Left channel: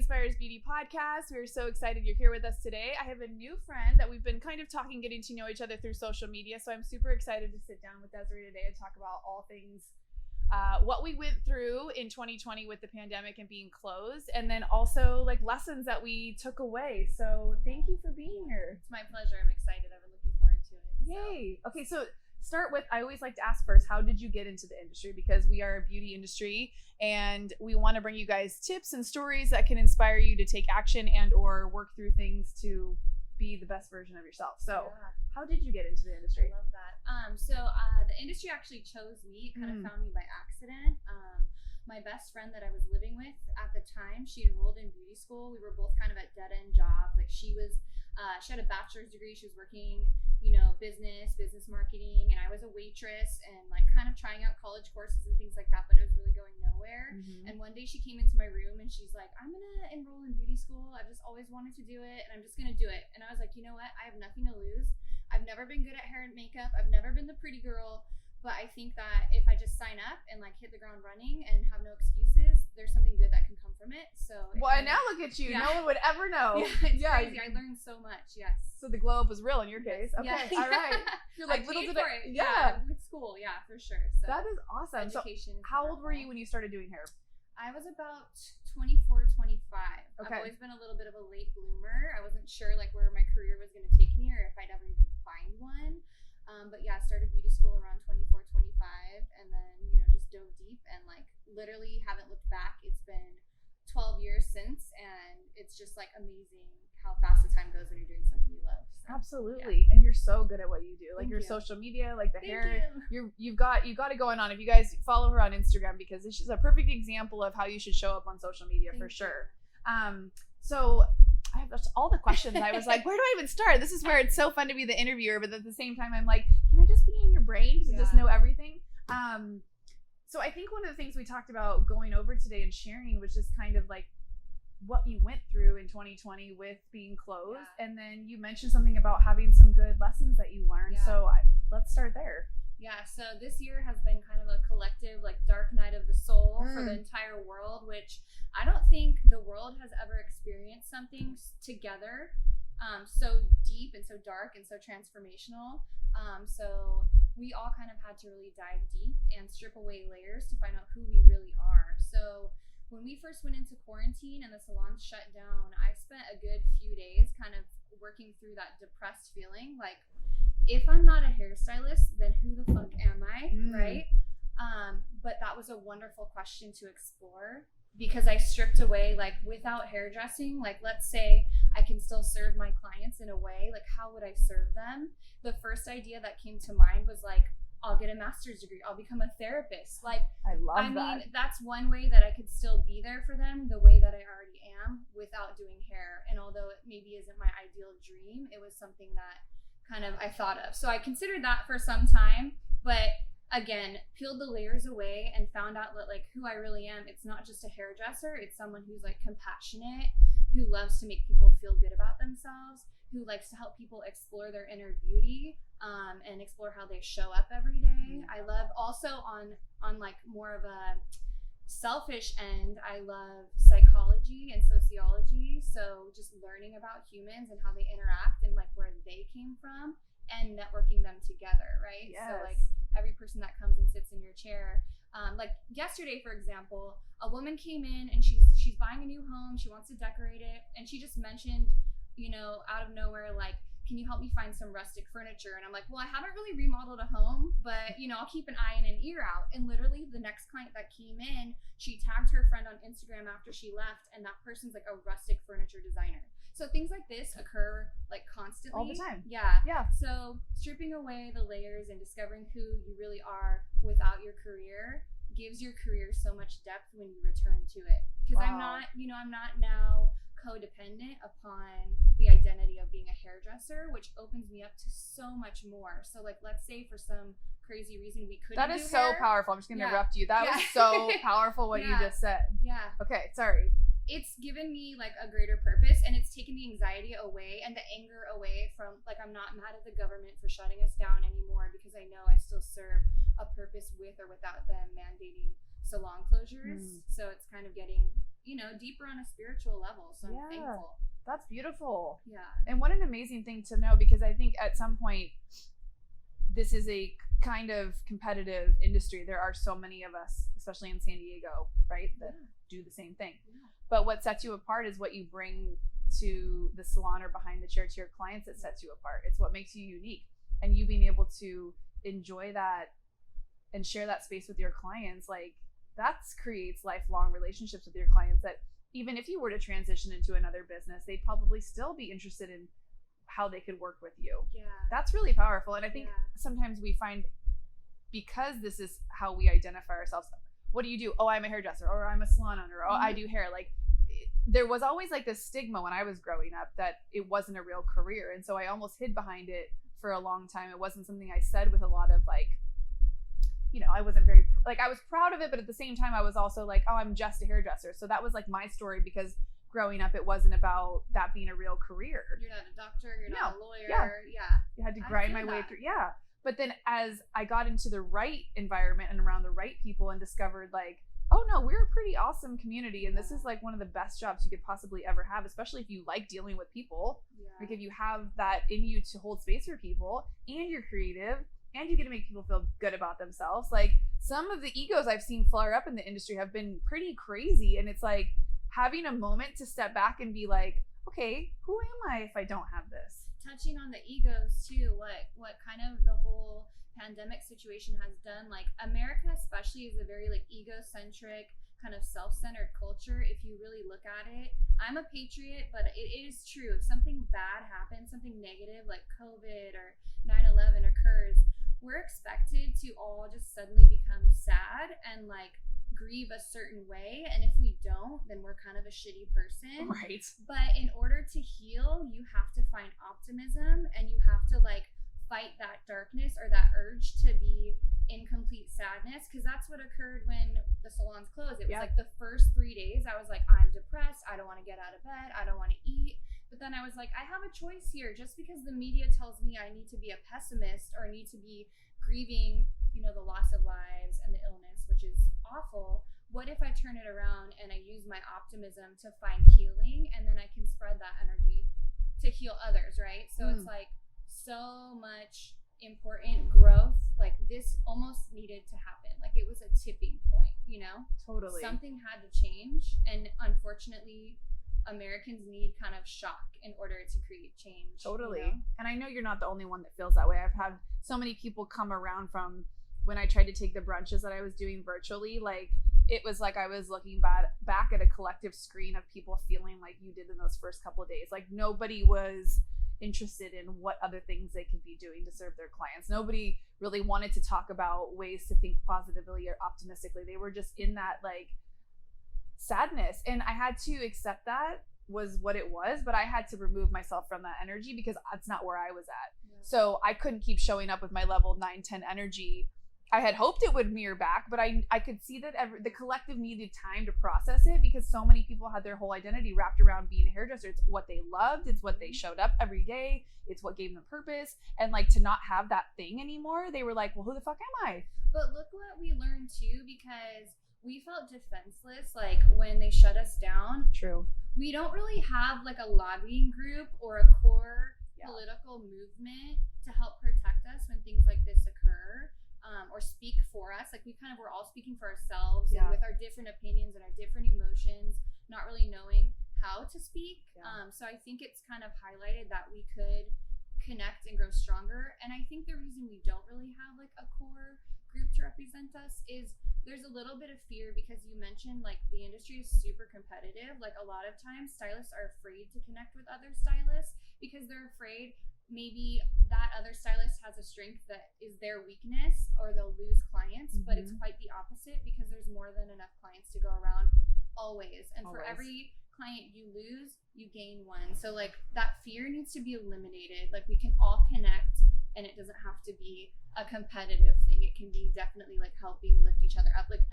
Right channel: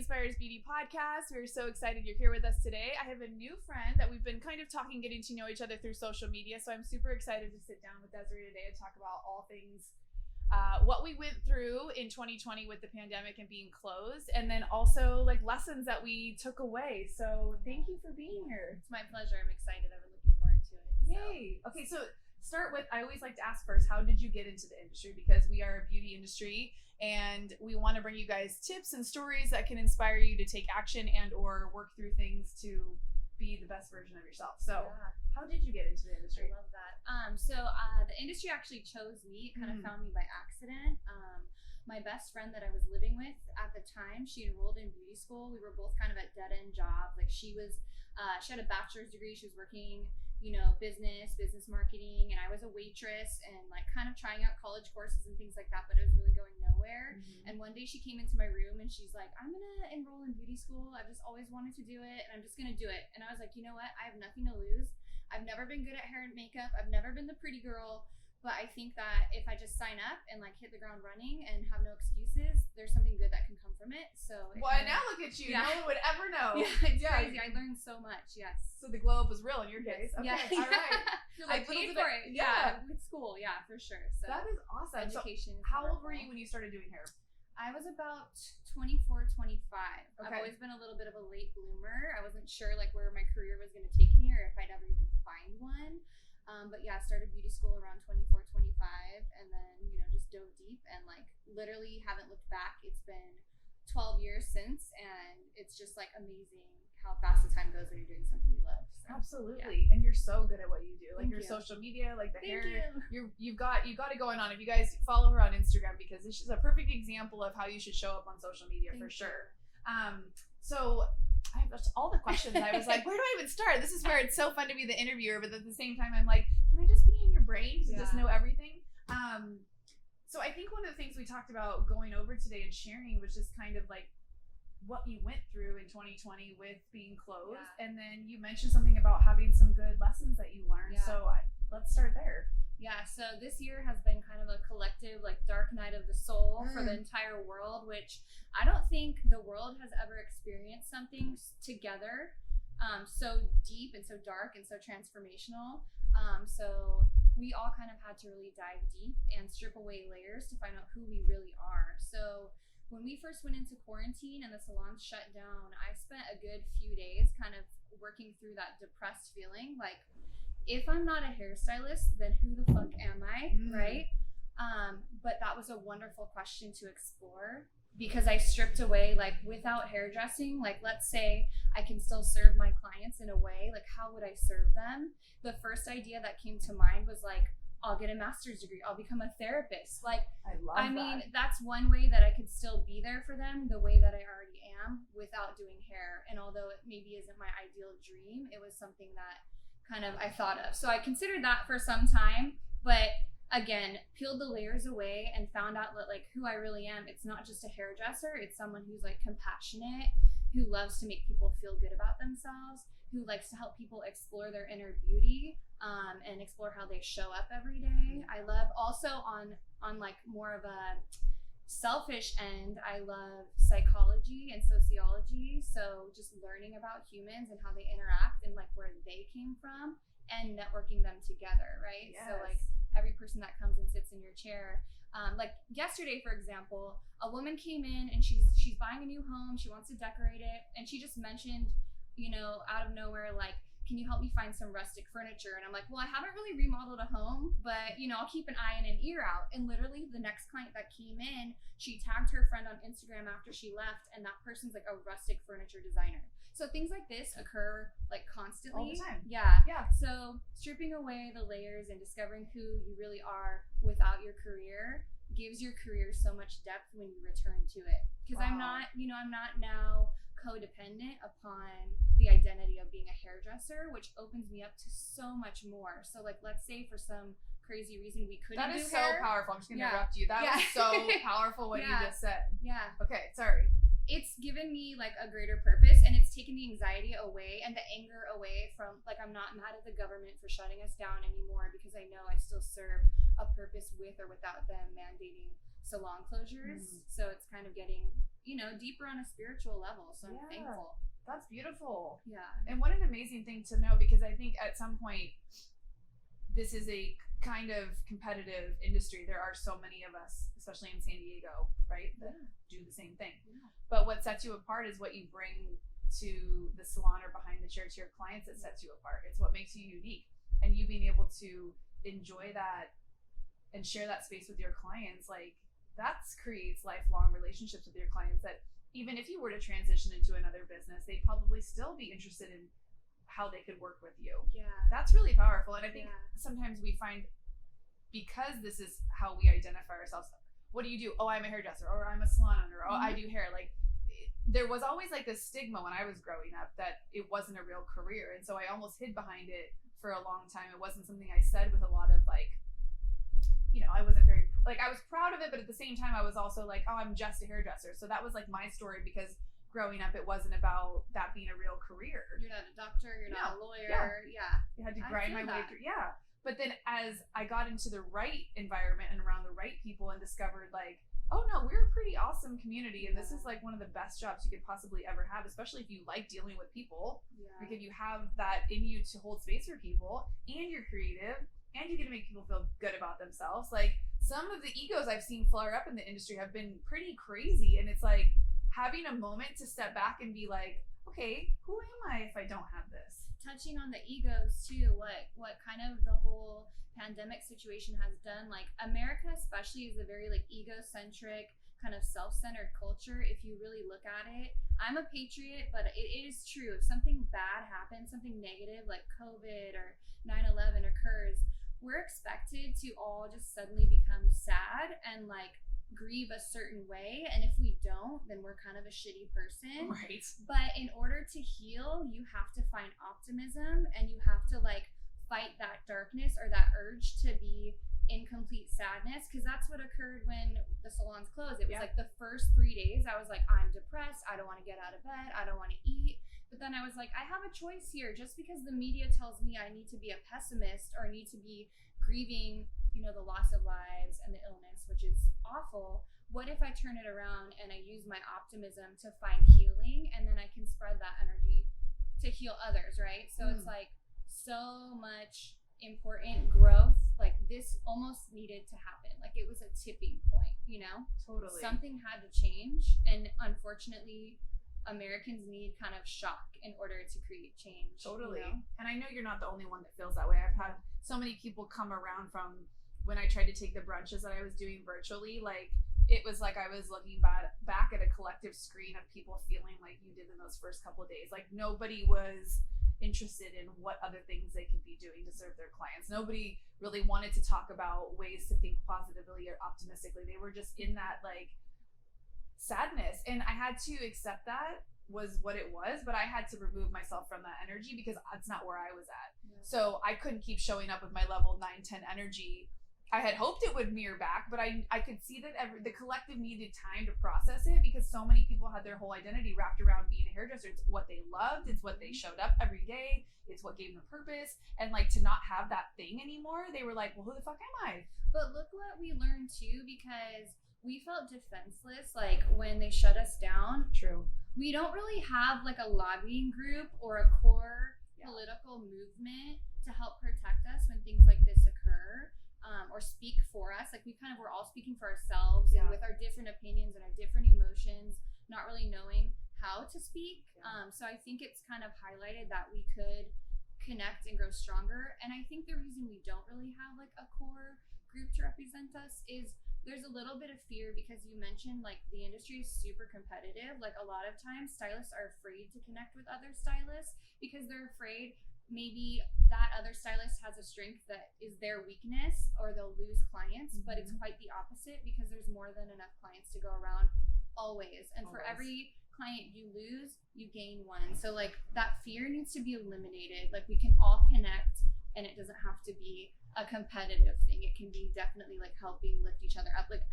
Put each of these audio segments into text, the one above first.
Inspires Beauty podcast. We're so excited you're here with us today. I have a new friend that we've been kind of talking, getting to know each other through social media. So I'm super excited to sit down with Desiree today and talk about all things what we went through in 2020 with the pandemic and being closed, and then also like lessons that we took away. So thank you for being here. It's my pleasure. I'm excited. I've been looking forward to it. Yay. Okay, so start with, I always like to ask first, how did you get into the industry? Because we are a beauty industry and we want to bring you guys tips and stories that can inspire you to take action and or work through things to be the best version of yourself. So how did you get into the industry? I love that. The industry actually chose me. It kind of found me by accident. My best friend that I was living with at the time, she enrolled in beauty school. We were both kind of at dead-end jobs. Like she had a bachelor's degree. She was working, business marketing, and I was a waitress and like kind of trying out college courses and things like that, but it was really going nowhere. And one day she came into my room and she's like, I'm gonna enroll in beauty school. I've just always wanted to do it and I'm just gonna do it. And I was like, you know what? I have nothing to lose. I've never been good at hair and makeup. I've never been the pretty girl. But I think that if I just sign up and like hit the ground running and have no excuses, there's something good that can come from it. So now look at you. Yeah. No one would ever know. Yeah, it's crazy. I learned so much. Yes. So the glow up was real in your case. Okay. Yeah. All right. You're like, I paid for it. Yeah. With school. Yeah, for sure. So that is awesome. Education. So how old were you when you started doing hair? I was about 24, 25. Okay. I've always been a little bit of a late bloomer. I wasn't sure like where my career was going to take me or if I'd ever even find one. But yeah, I started beauty school around 24, 25 and then, just dove deep and like literally haven't looked back. It's been 12 years since and it's just like amazing how fast the time goes when you're doing something you love. So, absolutely. Yeah. And you're so good at what you do. Like your social media, like the hair, you've got it going on. If you guys follow her on Instagram, because this is a perfect example of how you should show up on social media for sure. So I have all the questions. I was like, where do I even start? This is where it's so fun to be the interviewer, but at the same time, I'm like, can I just be in your brain to just know everything? So I think one of the things we talked about going over today and sharing was just kind of like what you went through in 2020 with being closed. Yeah. And then you mentioned something about having some good lessons that you learned. Yeah. So let's start there. Yeah, so this year has been kind of a collective, like, dark night of the soul for the entire world, which I don't think the world has ever experienced something together so deep and so dark and so transformational. So we all kind of had to really dive deep and strip away layers to find out who we really are. So when we first went into quarantine and the salons shut down, I spent a good few days kind of working through that depressed feeling, like, if I'm not a hairstylist, then who the fuck am I, right? But that was a wonderful question to explore because I stripped away, like, without hairdressing, like, let's say I can still serve my clients in a way, like, how would I serve them? The first idea that came to mind was, like, I'll get a master's degree. I'll become a therapist. Like, I mean, that's one way that I could still be there for them the way that I already am without doing hair. And although it maybe isn't my ideal dream, it was something that kind of I thought of. So I considered that for some time, but again, peeled the layers away and found out that like who I really am. It's not just a hairdresser. It's someone who's like compassionate, who loves to make people feel good about themselves, who likes to help people explore their inner beauty and explore how they show up every day. I love also on like more of a selfish end, I love psychology and sociology, so just learning about humans and how they interact and like where they came from and networking them together, right? Yes. So like every person that comes and sits in your chair, like yesterday for example, a woman came in and she's buying a new home, she wants to decorate it, and she just mentioned, out of nowhere, like, can you help me find some rustic furniture? And I'm like, well, I haven't really remodeled a home, but I'll keep an eye and an ear out. And literally the next client that came in, she tagged her friend on Instagram after she left, and that person's like a rustic furniture designer. So things like this occur like constantly. All the time. Yeah. So stripping away the layers and discovering who you really are without your career gives your career so much depth when you return to it. Because I'm not now codependent upon the identity of being a hairdresser, which opens me up to so much more. So like, let's say for some crazy reason we couldn't do hair. That is so powerful. I'm just gonna interrupt you. That was so powerful what you just said. Yeah. Okay, sorry. It's given me like a greater purpose, and it's taken the anxiety away and the anger away from, like, I'm not mad at the government for shutting us down anymore because I know I still serve a purpose with or without them mandating salon closures. So it's kind of getting deeper on a spiritual level. So I'm thankful. That's beautiful. Yeah. And what an amazing thing to know, because I think at some point this is a kind of competitive industry. There are so many of us, especially in San Diego, right, that do the same thing. Yeah. But what sets you apart is what you bring to the salon or behind the chair to your clients that sets you apart. It's what makes you unique. And you being able to enjoy that and share that space with your clients, like that creates lifelong relationships with your clients that even if you were to transition into another business, they'd probably still be interested in how they could work with you. Yeah. That's really powerful. And I think sometimes we find, because this is how we identify ourselves, what do you do? Oh, I'm a hairdresser, or I'm a salon owner, or I do hair. Like there was always like this stigma when I was growing up that it wasn't a real career. And so I almost hid behind it for a long time. It wasn't something I said with a lot of like, I wasn't very, like I was proud of it, but at the same time I was also like, oh, I'm just a hairdresser. So that was like my story, because growing up it wasn't about that being a real career. You're not a doctor, you're not a lawyer. Yeah. You had to grind my way through. Yeah. But then as I got into the right environment and around the right people and discovered like, oh no, we're a pretty awesome community, and this is like one of the best jobs you could possibly ever have, especially if you like dealing with people. Like if you have that in you to hold space for people, and you're creative, and you get to make people feel good about themselves. Like some of the egos I've seen flare up in the industry have been pretty crazy, and it's like having a moment to step back and be like, okay, who am I if I don't have this? Touching on the egos too, what kind of the whole pandemic situation has done, like America especially is a very like egocentric kind of self-centered culture. If you really look at it, I'm a patriot, but it is true, if something bad happens, something negative like COVID or 9/11 occurs, we're expected to all just suddenly become sad and like grieve a certain way, and if we don't, then we're kind of a shitty person. Right. But in order to heal, you have to find optimism, and you have to like fight that darkness or that urge to be in complete sadness, because that's what occurred when the salons closed. It was like the first 3 days I was like, I'm depressed, I don't want to get out of bed, I don't want to eat. But then I was like, I have a choice here. Just because the media tells me I need to be a pessimist or need to be grieving, the loss of lives and the illness, which is awful, what if I turn it around and I use my optimism to find healing, and then I can spread that energy to heal others, right? So it's like so much important growth. Like this almost needed to happen. Like it was a tipping point, Totally. Something had to change, and unfortunately Americans need kind of shock in order to create change. Totally. And I know you're not the only one that feels that way. I've had so many people come around from when I tried to take the brunches that I was doing virtually. Like it was like I was looking back at a collective screen of people feeling like you did in those first couple of days. Like nobody was interested in what other things they could be doing to serve their clients. Nobody really wanted to talk about ways to think positively or optimistically. They were just in that like sadness, and I had to accept that was what it was, but I had to remove myself from that energy because that's not where I was at. So I couldn't keep showing up with my level 9-10 energy. I had hoped it would mirror back, but I could see that the collective needed time to process it, because so many people had their whole identity wrapped around being a hairdresser. It's what they loved, it's what they showed up every day, it's what gave them purpose, and like to not have that thing anymore, they were like, well, who the fuck am I? But look what we learned too, because we felt defenseless like when they shut us down. True. We don't really have like a lobbying group or a core political movement to help protect us when things like this occur. Or speak for us. Like we're all speaking for ourselves and with our different opinions and our different emotions, not really knowing how to speak. So I think it's kind of highlighted that we could connect and grow stronger. And I think the reason we don't really have like a core group to represent us is there's a little bit of fear, because you mentioned like the industry is super competitive. Like a lot of times stylists are afraid to connect with other stylists because they're afraid maybe that other stylist has a strength that is their weakness, or they'll lose clients. But it's quite the opposite, because there's more than enough clients to go around always. And for every client you lose, you gain one. So like that fear needs to be eliminated. Like we can all connect, and it doesn't have to be a competitive thing. It can be definitely like helping lift each other up. Like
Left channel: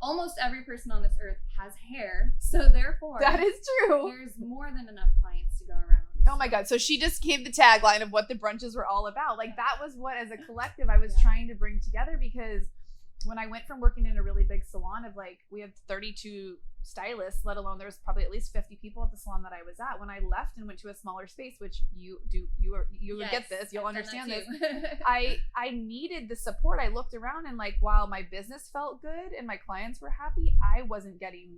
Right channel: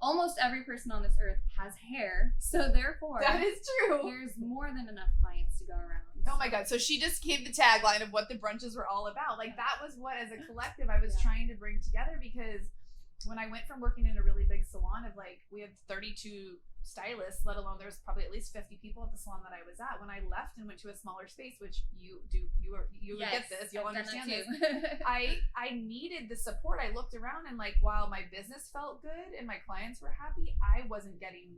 almost every person on this earth has hair, so therefore that is true. There's more than enough clients to go around. Oh my God. So she just gave the tagline of what the brunches were all about. Like that was what, as a collective, I was trying to bring together, because when I went from working in a really big salon of like, we had 32 stylists, let alone there was probably at least 50 people at the salon that I was at. When I left and went to a smaller space, which you would get this, you'll understand this. I needed the support. I looked around and like, while my business felt good and my clients were happy, I wasn't getting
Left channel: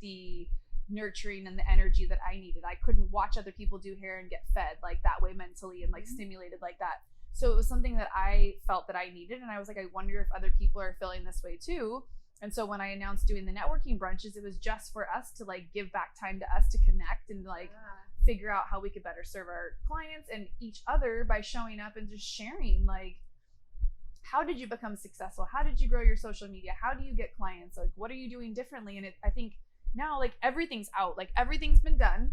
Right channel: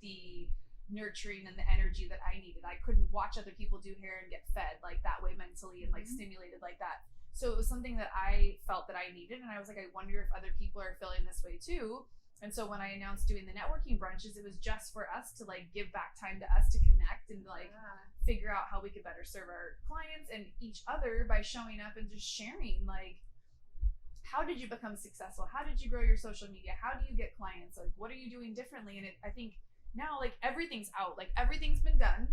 the nurturing and the energy that I needed. I couldn't watch other people do hair and get fed like that way mentally and like stimulated like that. So it was something that I felt that I needed, and I was like, I wonder if other people are feeling this way too. And so when I announced doing the networking brunches, it was just for us to like give back time to us to connect and like figure out how we could better serve our clients and each other by showing up and just sharing like, how did you become successful? How did you grow your social media? How do you get clients? Like, what are you doing differently? And I think now like everything's out, like everything's been done.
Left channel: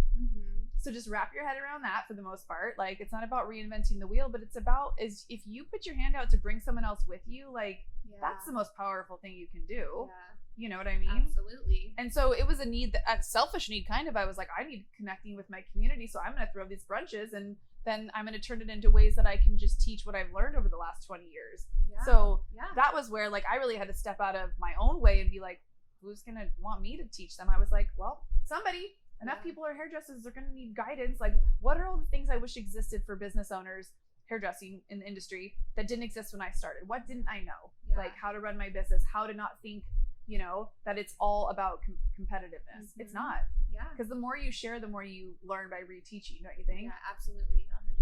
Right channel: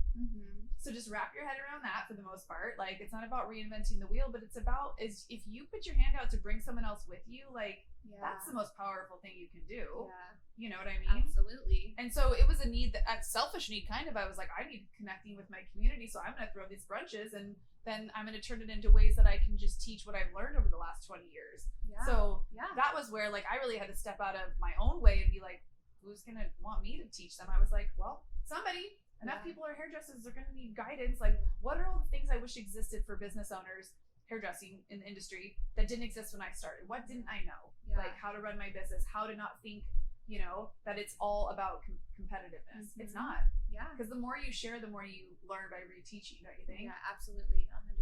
So just wrap your head around that for the most part. Like, it's not about reinventing the wheel, but it's about is if you put your hand out to bring someone else with you, like that's the most powerful thing you can do. You know what I mean? Absolutely. And so it was a need, that a selfish need kind of. I was like, I need connecting with my community, so I'm going to throw these brunches, and then I'm going to turn it into ways that I can just teach what I've learned over the last 20 years. So that was where like I really had to step out of my own way and be like, who's going to want me to teach them? I was like, well, somebody. Enough people are hairdressers, they're going to need guidance. Like, what are all the things I wish existed for business owners, hairdressing in the industry, that didn't exist when I started? What didn't I know? Like, how to run my business, how to not think, you know, that it's all about competitiveness. It's not. Because the more you share, the more you learn by reteaching, don't you think? Yeah, absolutely. 100%.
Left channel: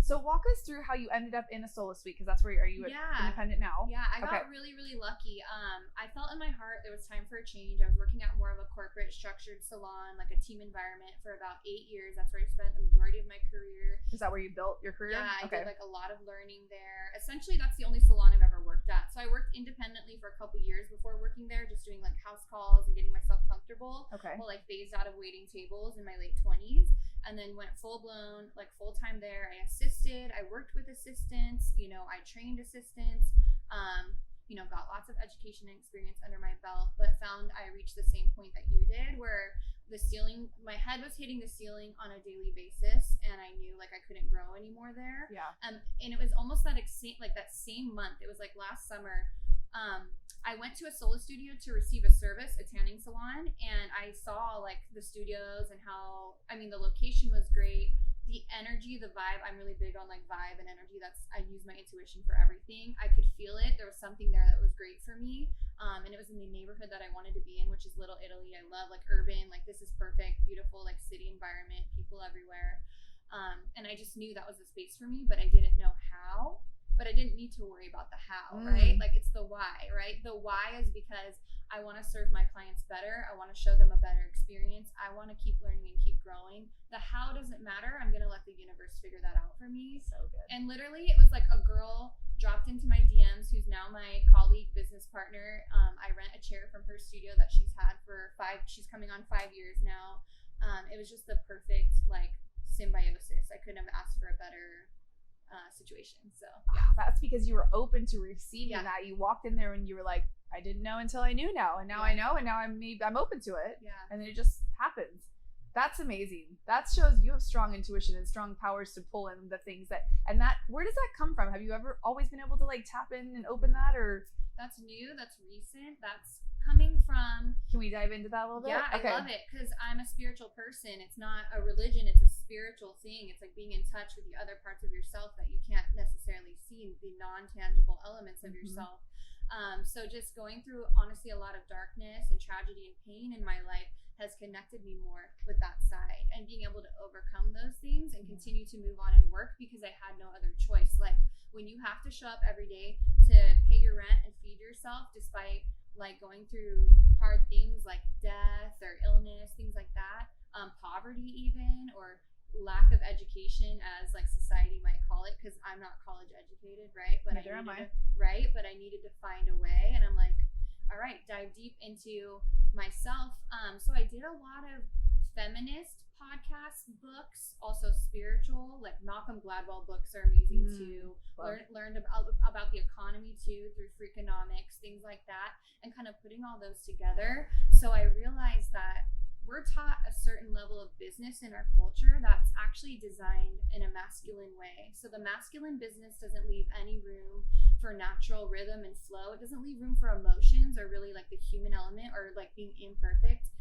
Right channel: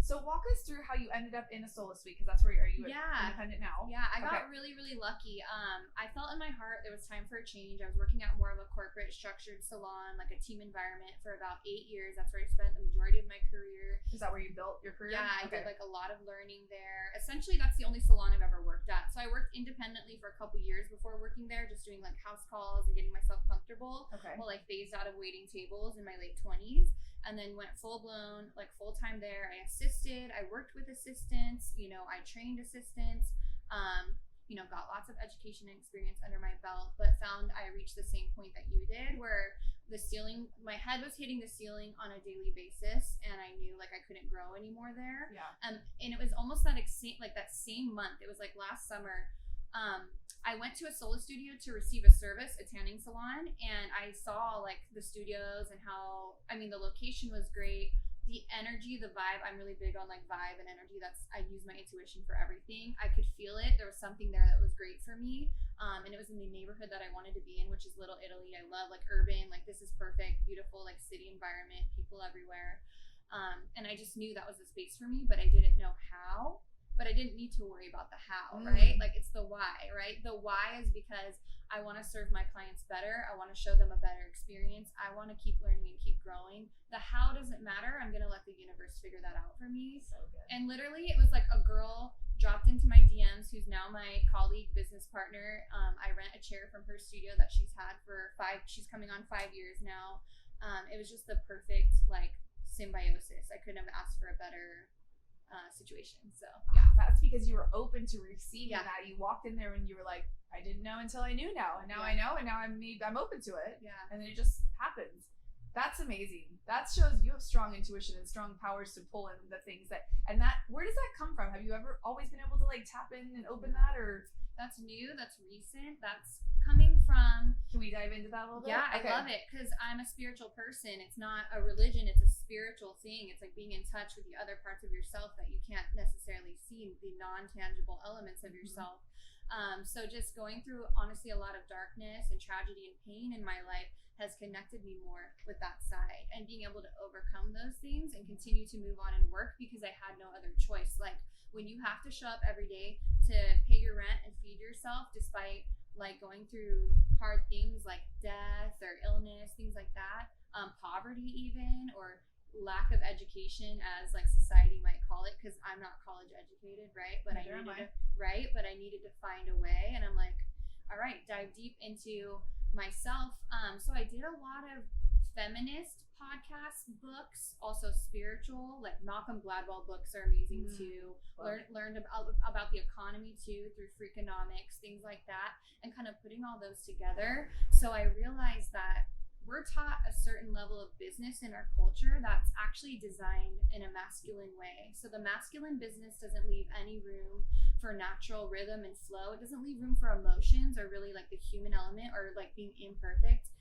So walk us through how you ended up in a solo suite, because that's where are you independent now? Yeah, I got really, really lucky. I felt in my heart there was time for a change. I was working at more of a corporate structured salon, like a team environment, for about 8 years. That's where I spent the majority of my career. Is that where you built your career? Yeah, I did like a lot of learning there. Essentially, that's the only salon I've ever worked at. So I worked independently for a couple years before working there, just doing like house calls and getting myself comfortable. While I phased out of waiting tables in my late 20s. And then went full-blown, like full-time there. I assisted, I worked with assistants, you know, I trained assistants, you know, got lots of education and experience under my belt, but found I reached the same point that you did, where the ceiling, my head was hitting the ceiling on a daily basis, and I knew like I couldn't grow anymore there. And it was almost that same month, it was like last summer, I went to a solo studio to receive a service, a tanning salon, and I saw like the studios and how, I mean, the location was great. The energy, the vibe, I'm really big on like vibe and energy. I use my intuition for everything. I could feel it. There was something there that was great for me. And it was in the neighborhood that I wanted to be in, which is Little Italy. I love like urban, like this is perfect, beautiful, like city environment, people everywhere. And I just knew that was the space for me, but I didn't know how. But I didn't need to worry about the how, right? Like it's the why, right? The why is because I want to serve my clients better. I want to show them a better experience. I want to keep learning and keep growing. The how doesn't matter. I'm going to let the universe figure that out for me. So good. And literally it was like a girl dropped into my DMs who's now my colleague, business partner. I rent a chair from her studio that she's had for she's coming on 5 years now. It was just the perfect like symbiosis. I couldn't have asked for a better situation. So that's because you were open to receiving that. You walked in there and you were like, I didn't know until I knew now, and now I know, and now I'm open to it. And then it just happens. That's amazing. That shows you have strong intuition and strong powers to pull in the things where does that come from? Have you ever always been able to like tap in and open that, or that's new, that's recent, that's coming from... Can we dive into that a little bit? Yeah, I love it, because I'm a spiritual person. It's not a religion, it's a spiritual thing. It's like being in touch with the other parts of yourself that you can't necessarily see, the non-tangible elements of yourself. So just going through, honestly, a lot of darkness and tragedy and pain in my life has connected me more with that side, and being able to overcome those things and continue to move on and work, because I had no other choice. Like when you have to show up every day to pay your rent and feed yourself, despite like going through hard things like death or illness, things like that, poverty even, or lack of education, as like society might call it, because I'm not college educated, right? But I needed to find a way, and I'm like, all right, dive deep into myself. So I did a lot of feminist podcasts, books, also spiritual, like Malcolm Gladwell books are amazing too. Learned about the economy too through Freakonomics, things like that, and kind of putting all those together. So I realized that we're taught a certain level of business in our culture that's actually designed in a masculine way. So the masculine business doesn't leave any room for natural rhythm and flow. It doesn't leave room for emotions or really like the human element or like being imperfect.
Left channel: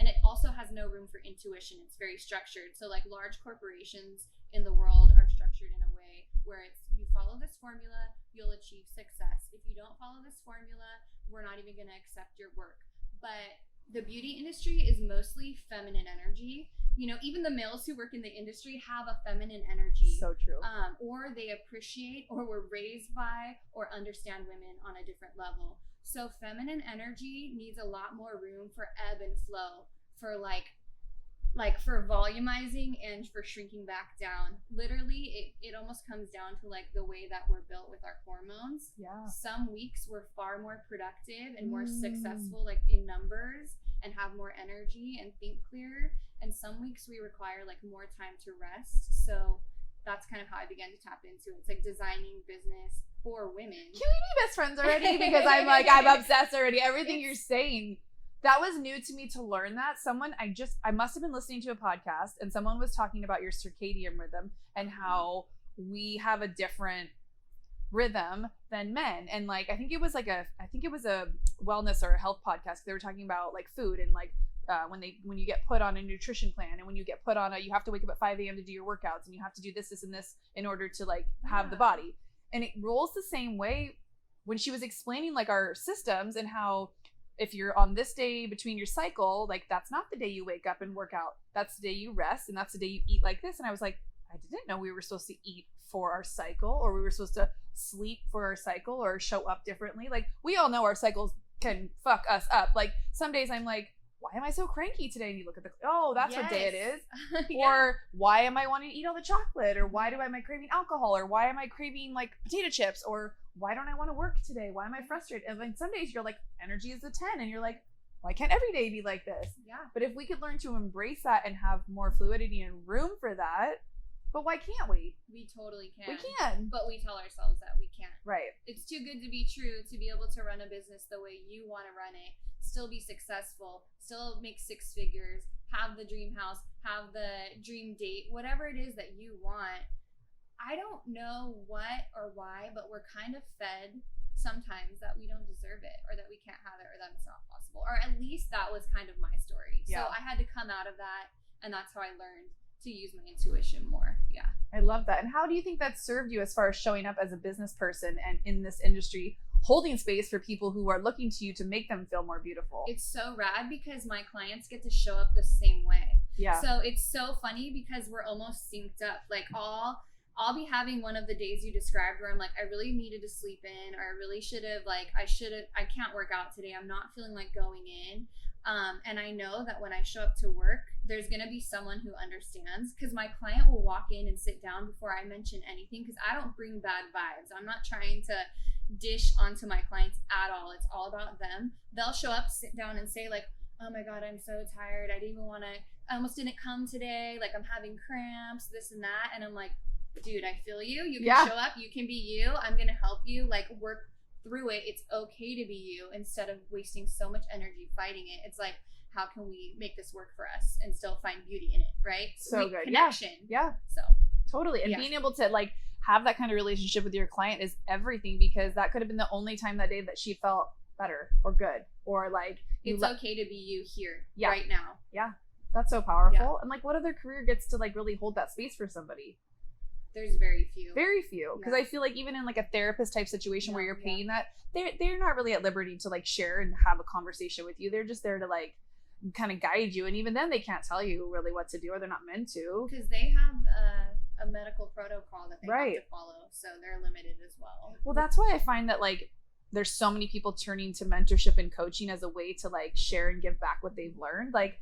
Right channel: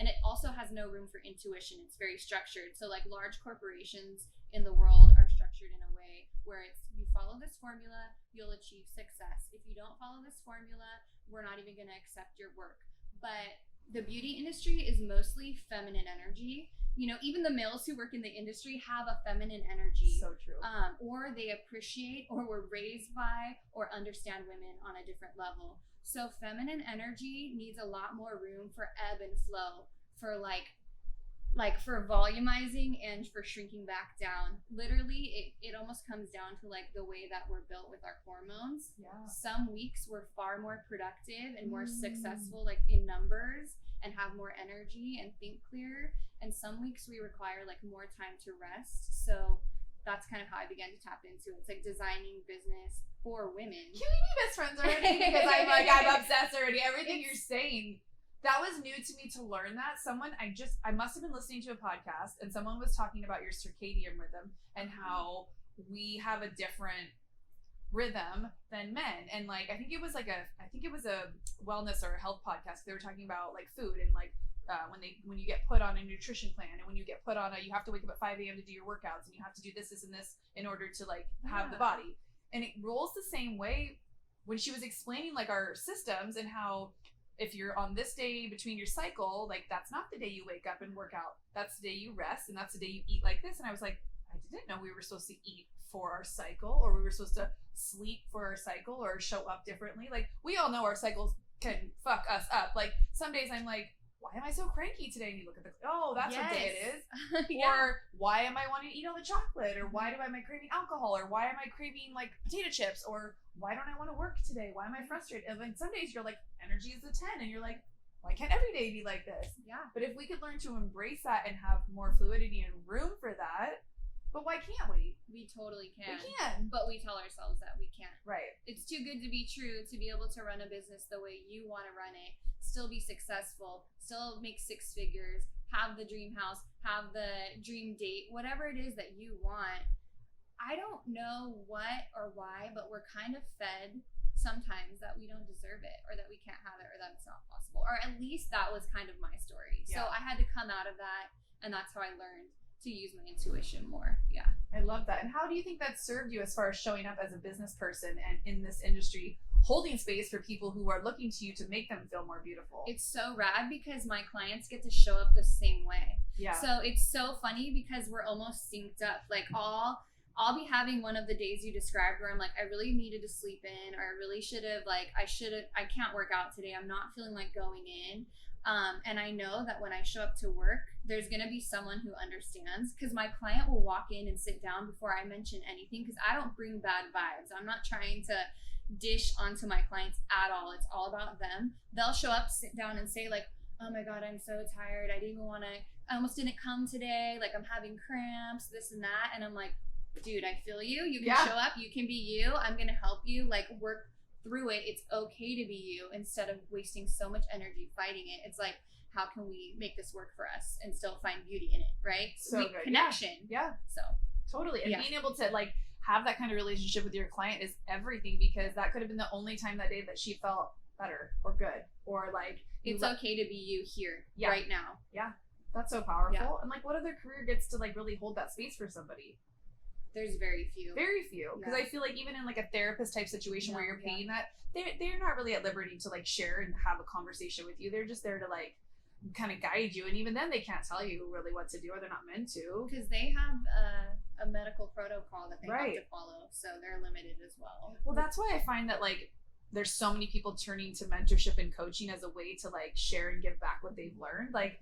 And it also has no room for intuition. It's very structured. So like large corporations in the world are structured in a way where it's, you follow this formula, you'll achieve success. If you don't follow this formula, we're not even going to accept your work. But the beauty industry is mostly feminine energy. You know, even the males who work in the industry have a feminine energy. So true. Or they appreciate or were raised by or understand women on a different level. So feminine energy needs a lot more room for ebb and flow, for like for volumizing and for shrinking back down. Literally, it almost comes down to like the way that we're built with our hormones. Yeah. Some weeks we're far more productive and more successful, like in numbers, and have more energy and think clearer. And some weeks we require like more time to rest. So that's kind of how I began to tap into it. It's like designing business for women. Can we be best friends already? Because I'm obsessed already. Everything you're saying, that was new to me to learn that. I must have been listening to a podcast and someone was talking about your circadian rhythm and how we have a different rhythm than men. And like, I think it was a wellness or a health podcast. They were talking about like food and like, when you get put on a nutrition plan and when you get put on you have to wake up at 5 a.m. to do your workouts and you have to do this and this in order to like have the body. And it rolls the same way when she was explaining like our systems and how if you're on this day between your cycle, like that's not the day you wake up and work out. That's the day you rest and that's the day you eat like this. And I was like, I didn't know we were supposed to eat for our cycle or we were supposed to sleep for our cycle or show up differently. Like we all know our cycles can fuck us up. Like some days I'm like, why am I so cranky today? And you look at that's what day it is. Yeah. Or why am I wanting to eat all the chocolate? Or why am I craving alcohol? Or why am I craving like potato chips? Or why don't I want to work today? Why am I frustrated? And like some days you're like, energy is a 10 and you're like, why can't every day be like this? Yeah. But if we could learn to embrace that and have more fluidity and room for that, but why can't we? We totally can. We can. But we tell ourselves that we can't. Right. It's too good to be true to be able to run a business the way you want to run it, still be successful, still make 6 figures, have the dream house, have the dream date, whatever it is that you want. I don't know what or why, but we're kind of fed sometimes that we don't deserve it or that we can't have it or that it's not possible. Or at least that was kind of my story. Yeah. So I had to come out of that, and that's how I learned to use my intuition more. Yeah. I love that. And how do you think that served you as far as showing up as a business person and in this industry, holding space for people who are looking to you to make them feel more beautiful? It's so rad because my clients get to show up the same way. Yeah. So it's so funny because we're almost synced up. Like I'll be having one of the days you described where I'm like, I really needed to sleep in, or I really should have, like, I can't work out today. I'm not feeling like going in. And I know that when I show up to work, there's going to be someone who understands, because my client will walk in and sit down before I mention anything, because I don't bring bad vibes. I'm not trying to dish onto my clients at all. It's all about them. They'll show up, sit down and say like, oh my God, I'm so tired. I almost didn't come today. Like I'm having cramps, this and that. And I'm like, dude, I feel you. You can show up. You can be you. I'm going to help you like work through it. It's okay to be you instead of wasting so much energy fighting it. It's like, how can we make this work for us and still find beauty in it, right? So good. Connection. Yeah. So totally. And being able to like have that kind of relationship with your client is everything, because that could have been the only time that day that she felt better or good, or like it's okay to be you here right now. Yeah. That's so powerful. Yeah. And like what other career gets to like really hold that space for somebody? There's very few. Because I feel like even in like a therapist type situation where you're paying that, they're not really at liberty to like share and have a conversation with you. They're just there to like kind of guide you, and even then they can't tell you really what to do, or they're not meant to, because they have a medical protocol that they have to follow, so they're limited as well. Well, that's why I find that like there's so many people turning to mentorship and coaching as a way to like share and give back what they've learned. Like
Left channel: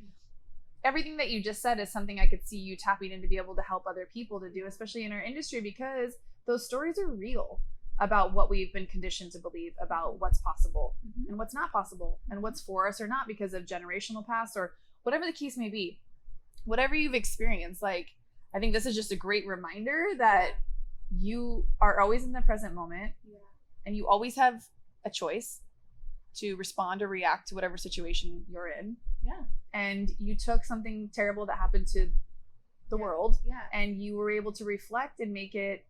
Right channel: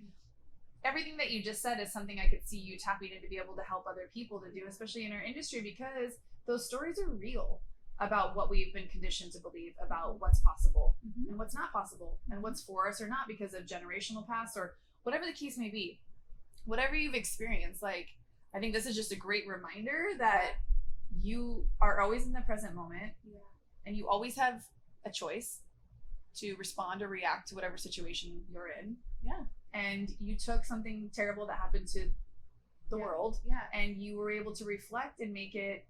everything that you just said is something I could see you tapping in to be able to help other people to do, especially in our industry, because those stories are real about what we've been conditioned to believe about what's possible and what's not possible and what's for us or not because of generational past or whatever the case may be. Whatever you've experienced, like, I think this is just a great reminder that you are always in the present moment and you always have a choice. to respond or react to whatever situation you're in. Yeah. And you took something terrible that happened to the world, and you were able to reflect and make it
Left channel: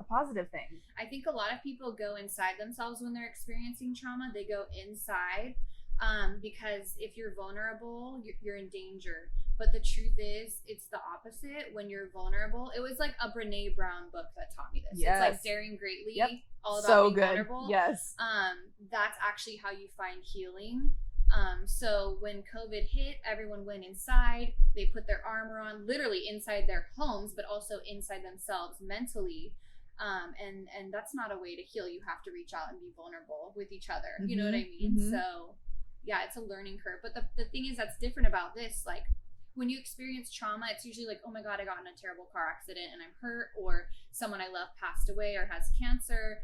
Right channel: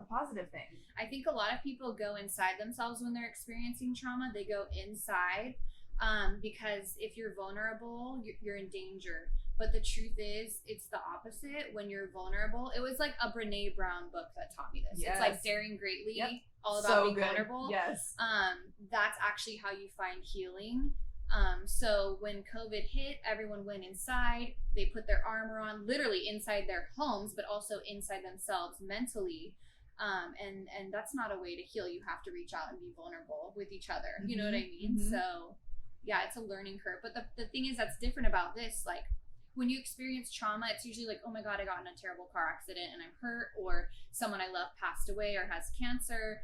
a positive thing. I think a lot of people go inside themselves when they're experiencing trauma. They go inside because if you're vulnerable, you're in danger. But the truth is, it's the opposite. When you're vulnerable, it was like a Brene Brown book that taught me this. Yes. It's like Daring Greatly, all about so being good. vulnerable. Yes. That's actually how you find healing. So when COVID hit, everyone went inside. They put their armor on, literally inside their homes, but also inside themselves mentally. And that's not a way to heal. You have to reach out and be vulnerable with each other. You know what I mean? So yeah, it's a learning curve. But the thing is that's different about this, like when you experience trauma, it's usually like, oh my God, I got in a terrible car accident and I'm hurt, or someone I love passed away or has cancer.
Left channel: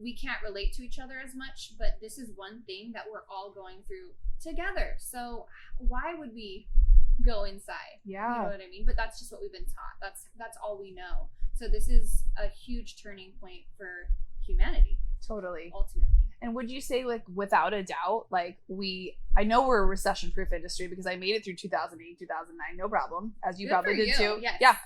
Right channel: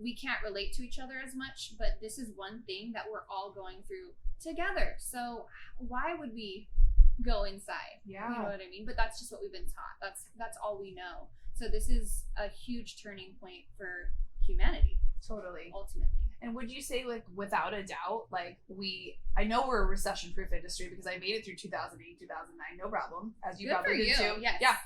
We can't relate to each other as much, but this is one thing that we're all going through together. So why would we go inside? Yeah. You know what I mean? But that's just what we've been taught. That's all we know. So this is a huge turning point for humanity. Totally. Ultimately. And would you say, like, without a doubt, like, I know we're a recession-proof industry because I made it through 2008, 2009, no problem, as you probably did too. Yes. Yeah.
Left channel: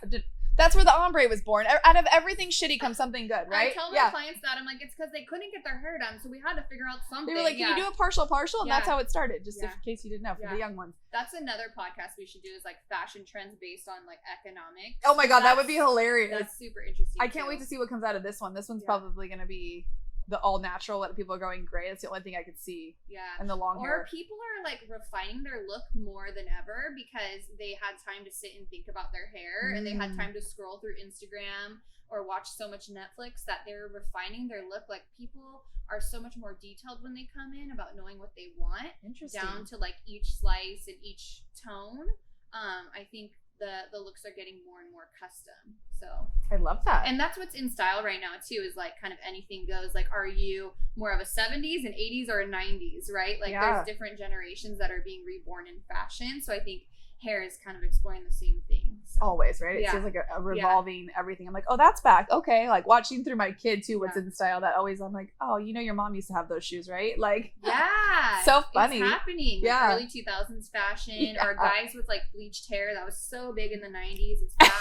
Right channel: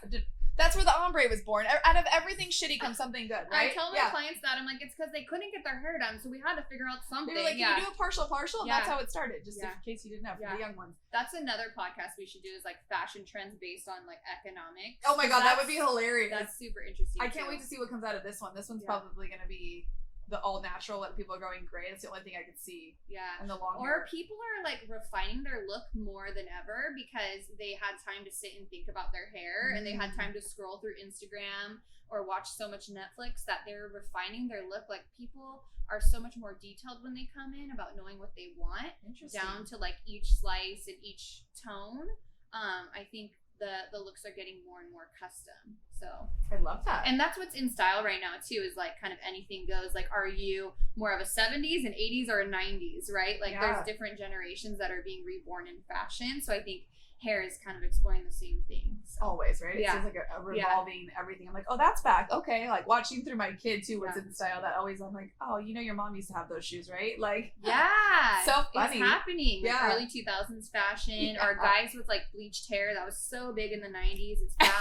That's where the ombre was born. Out of everything shitty comes something good, right? I tell my clients that. I'm like, it's because they couldn't get their hair done, so we had to figure out something. They were like, can you do a partial? And that's how it started, just in case you didn't know, for the young ones. That's another podcast we should do, is like fashion trends based on like economics. Oh my God, that would be hilarious. That's super interesting. I can't wait to see what comes out of this one. This one's probably going to be the all natural, what people are going gray. That's the only thing I could see. Yeah. And the long hair. Or people are like refining their look more than ever because they had time to sit and think about their hair and they had time to scroll through Instagram or watch so much Netflix that they're refining their look. Like people are so much more detailed when they come in about knowing what they want. Interesting. Down to like each slice and each tone. I think the looks are getting more and more custom. So I love that. And that's what's in style right now too, is like kind of anything goes. Like, are you more of a 70s and 80s or a 90s, right? Like there's different generations that are being reborn in fashion. So I think hair is kind of exploring the same thing. So. Always, right? It seems like a revolving everything. I'm like, oh, that's back. Okay. Like watching through my kid too, what's in style, that always, I'm like, oh, you know, your mom used to have those shoes, right? Like, so funny. It's happening. Like early 2000s fashion or guys with like bleached hair. That was so big in the 90s. It's back.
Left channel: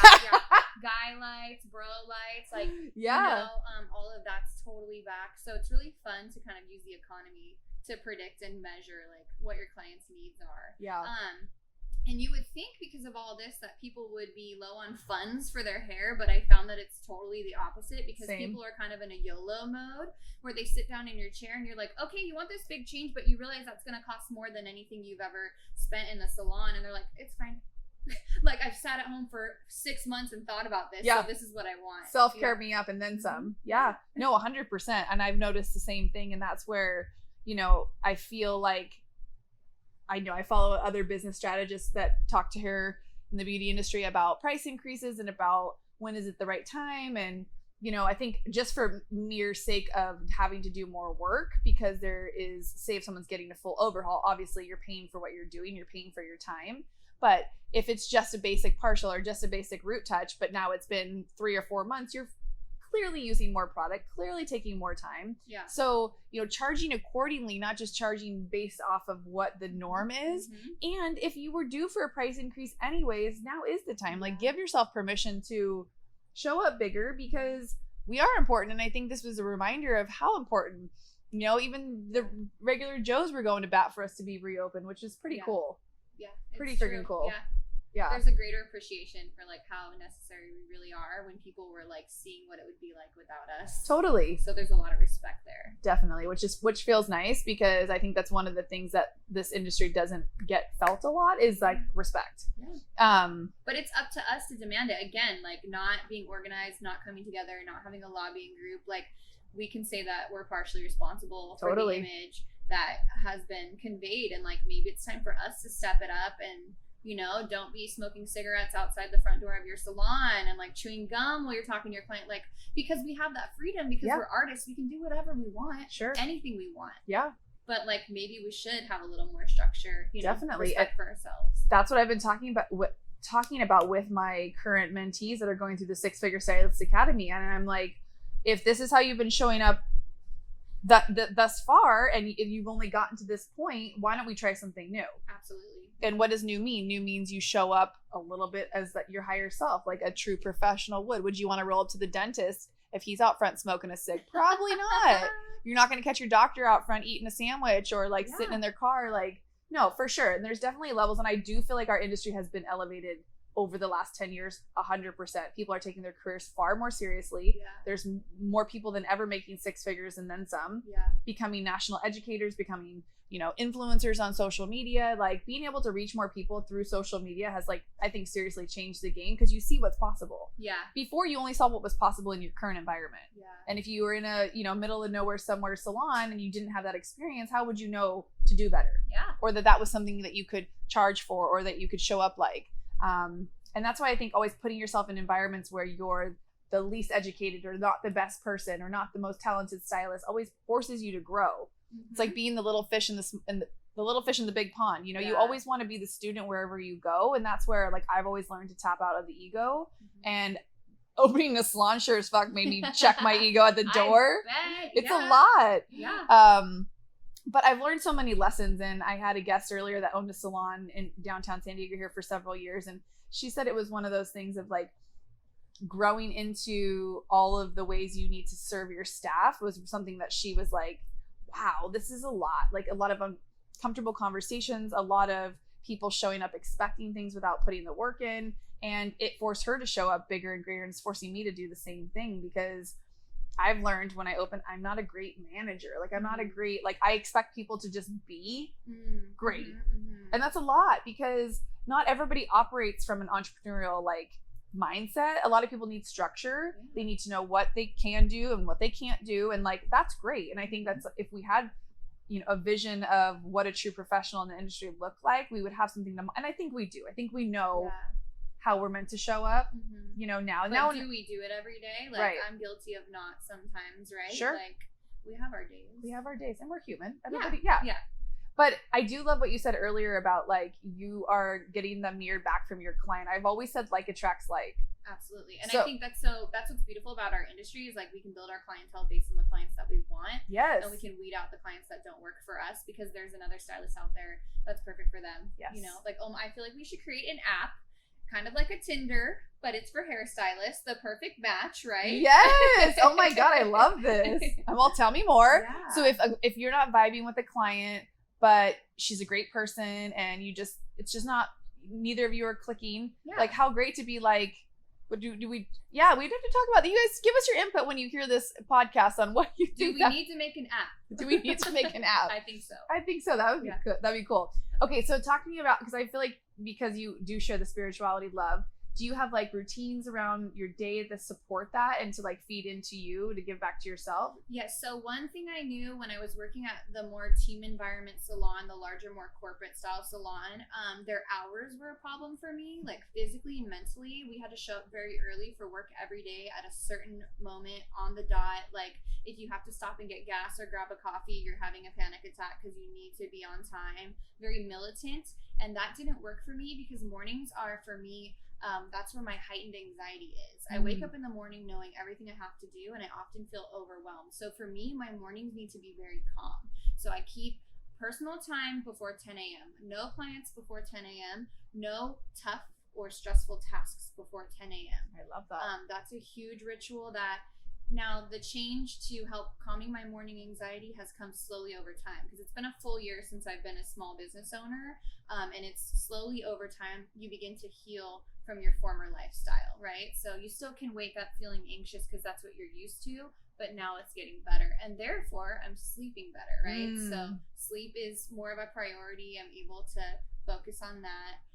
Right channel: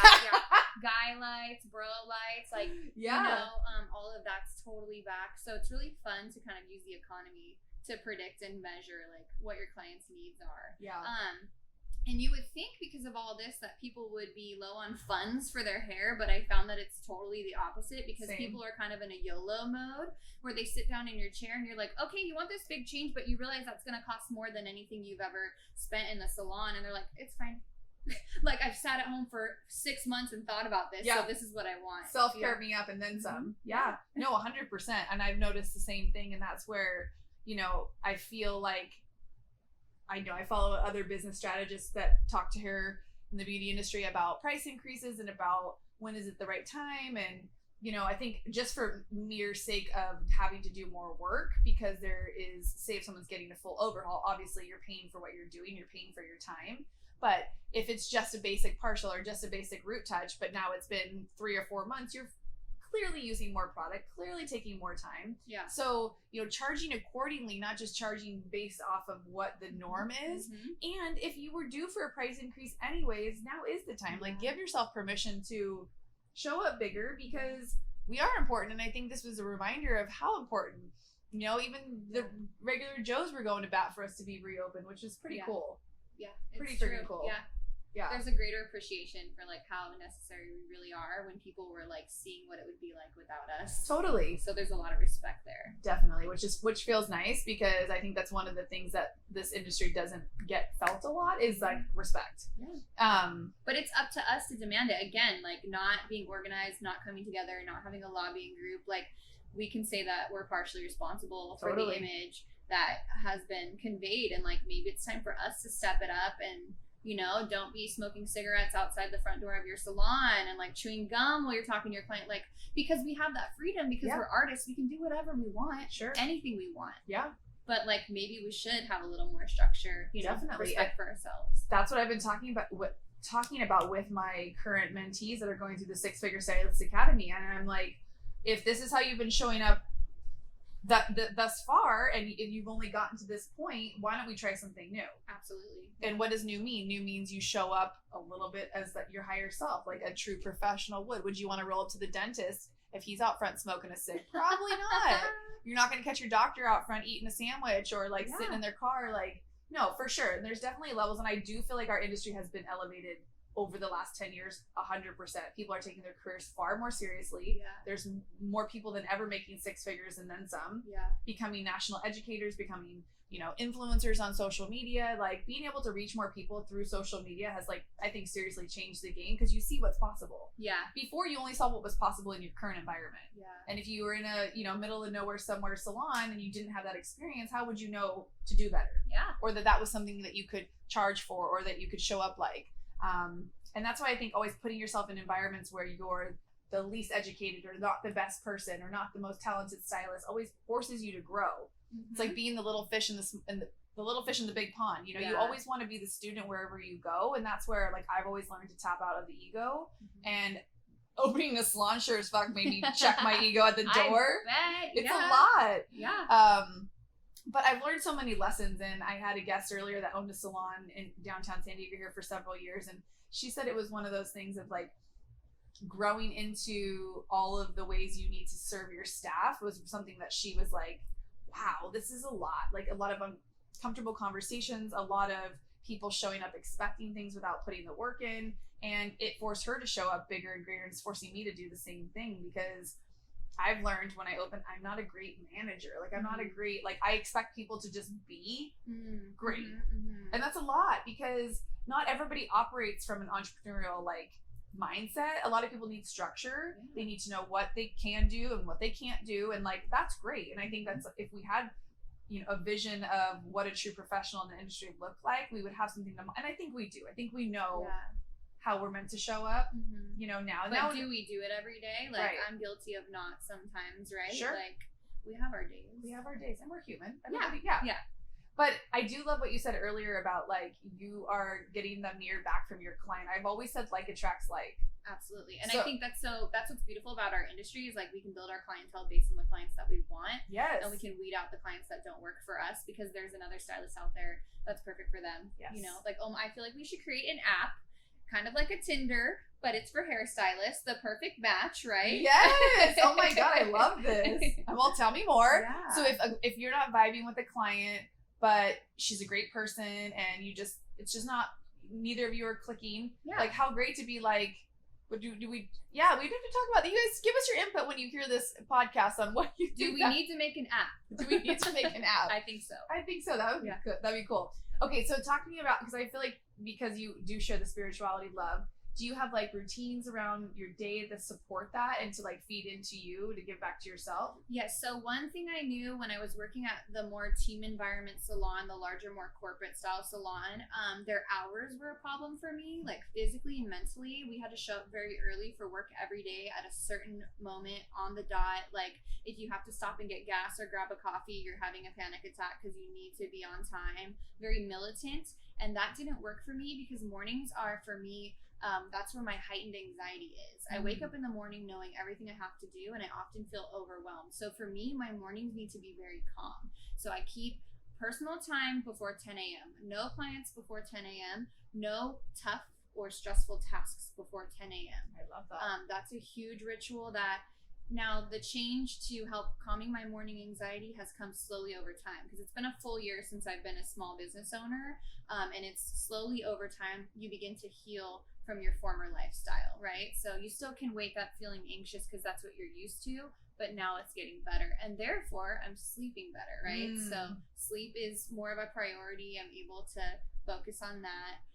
Guy lights, bro lights, like, you know, all of that's totally back. So it's really fun to kind of use the economy to predict and measure like what your clients' needs are. And you would think because of all this that people would be low on funds for their hair, but I found that it's totally the opposite because people are kind of in a YOLO mode where they sit down in your chair and you're like, okay, you want this big change, but you realize that's going to cost more than anything you've ever spent in the salon. And they're like, it's fine. Like I've sat at home for 6 months and thought about this, so this is what I want. Self-care me up and then some. No, 100%. And I've noticed the same thing, and that's where, you know, I feel like I follow other business strategists that talk to her in the beauty industry about price increases and about when is it the right time. And, you know, I think just for mere sake of having to do more work, because there is, say if someone's getting a full overhaul, obviously you're paying for what you're doing, you're paying for your time. But if it's just a basic partial or just a basic root touch, but now it's been 3 or 4 months, you're clearly using more product, clearly taking more time. So, you know, charging accordingly, not just charging based off of what the norm is. And if you were due for a price increase anyways, now is the time. Like, give yourself permission to show up bigger because we are important. And I think this was a reminder of how important, you know, even the regular Joes were going to bat for us to be reopened, which is pretty cool. Pretty freaking cool. There's a greater appreciation for like how necessary we really are when people were like seeing what it would be like without us. Totally. So there's a lot of respect there. Definitely, which feels nice because I think that's one of the things that this industry doesn't get felt a lot is like respect. But it's up to us to demand it. Again, like not being organized, not coming together, not having a lobbying group. Like we can say that we're partially responsible for the image that has been conveyed, and like maybe it's time for us to step it up and, you know, don't be smoking cigarettes outside the front door of your salon and like chewing gum while you're talking to your client, like because we have that freedom because we're artists, we can do whatever we want, anything we want. But like maybe we should have a little more structure, you know, respect for ourselves. That's what I've been talking about with my current mentees that are going through the 6-Figure Stylist Academy, and I'm like, if this is how you've been showing up thus far, and you've only gotten to this point, why don't we try something new? Absolutely. And what does new mean? New means you show up a little bit as your higher self, like a true professional would. Would you want to roll up to the dentist if he's out front smoking a cig? Probably not. You're not going to catch your doctor out front eating a sandwich or like sitting in their car. Like, no, for sure. And there's definitely levels. And I do feel like our industry has been elevated over the last 10 years, 100%. People are taking their careers far more seriously. Yeah. There's more people than ever making six figures and then some. Yeah. Becoming national educators, becoming, influencers on social media. Like, being able to reach more people through social media has, like, I think seriously changed the game, because you see what's possible. Yeah. Before, you only saw what was possible in your current environment. Yeah. And if you were in a, middle of nowhere somewhere salon and you didn't have that experience, how would you know to do better? Yeah. Or that was something that you could charge for, or that you could show up like. And that's why I think always putting yourself in environments where you're the least educated or not the best person or not the most talented stylist always forces you to grow. Mm-hmm. It's like being the little fish in the little fish in the big pond. You always want to be the student wherever you go, and that's where, like, I've always learned to tap out of the ego. Mm-hmm. And opening a salon sure as fuck made me check my ego at the door. I bet. It's a lot. Yeah. But I've learned so many lessons, and I had a guest earlier that owned a salon in downtown San Diego here for several years, and she said it was one of those things of, like, growing into all of the ways you need to serve your staff was something that she was like, wow, this is a lot. Like, a lot of uncomfortable conversations, a lot of people showing up expecting things without putting the work in, and it forced her to show up bigger and greater, and it's forcing me to do the same thing, because I've learned when I open, I'm not a great manager. Like, I'm not a great, like, I expect people to just be great. Mm-hmm. And that's a lot, because not everybody operates from an entrepreneurial, like, mindset. A lot of people need structure. Yeah. They need to know what they can do and what they can't do. And, like, that's great. And I think that's, if we had, a vision of what a true professional in the industry looked like, we would have something to, and I think we do. I think we know how we're meant to show up, now. But now, do we do it every day? Like, right. I'm guilty of not sometimes, right? Sure. Like, we have our days. We have our days, and we're human. Everybody, yeah. But I do love what you said earlier about, like, you are getting the mirror back from your client. I've always said like attracts like. Absolutely. And I think that's what's beautiful about our industry is, like, we can build our clientele based on the clients that we want. Yes. And we can weed out the clients that don't work for us, because there's another stylist out there that's perfect for them. Yes. Like, I feel like we should create an app, kind of like a Tinder, but it's for hairstylists, the perfect match, right? Yes. Oh my God, I love this. Well, tell me more. Yeah. So if you're not vibing with a client, but she's a great person, and it's just not, neither of you are clicking. Yeah. Like, how great to be like, what do we? Yeah, we have to talk about that. You guys give us your input when you hear this podcast on what you do. We need to make an app? Do we need to make an app? I think so. That would be good. That'd be cool. Okay, so talk to me about, because I feel like, because you do share the spirituality love, do you have, like, routines around your day that support that and to, like, feed into you to give back to yourself? Yes. So one thing I knew when I was working at the more team environment salon, the larger, more corporate style salon, their hours were a problem for me, like, physically and mentally. We had to show up very early for work every day at a certain moment on the dot. Like, if you have to stop and get gas or grab a coffee, you're having a panic attack because you need to be on time. Very militant. And that didn't work for me, because mornings are, for me, that's where my heightened anxiety is. I wake up in the morning knowing everything I have to do, and I often feel overwhelmed. So for me, my mornings need to be very calm. So I keep personal time before 10 a.m. No clients before 10 a.m. No tough or stressful tasks before 10 a.m. I love that. That's a huge ritual that, now the change to help calming my morning anxiety has come slowly over time, because it's been a full year since I've been a small business owner. And it's slowly over time, you begin to heal from your former lifestyle, right? So you still can wake up feeling anxious because that's what you're used to, but now it's getting better, and therefore I'm sleeping better, right? So sleep is more of a priority. I'm able to focus on that.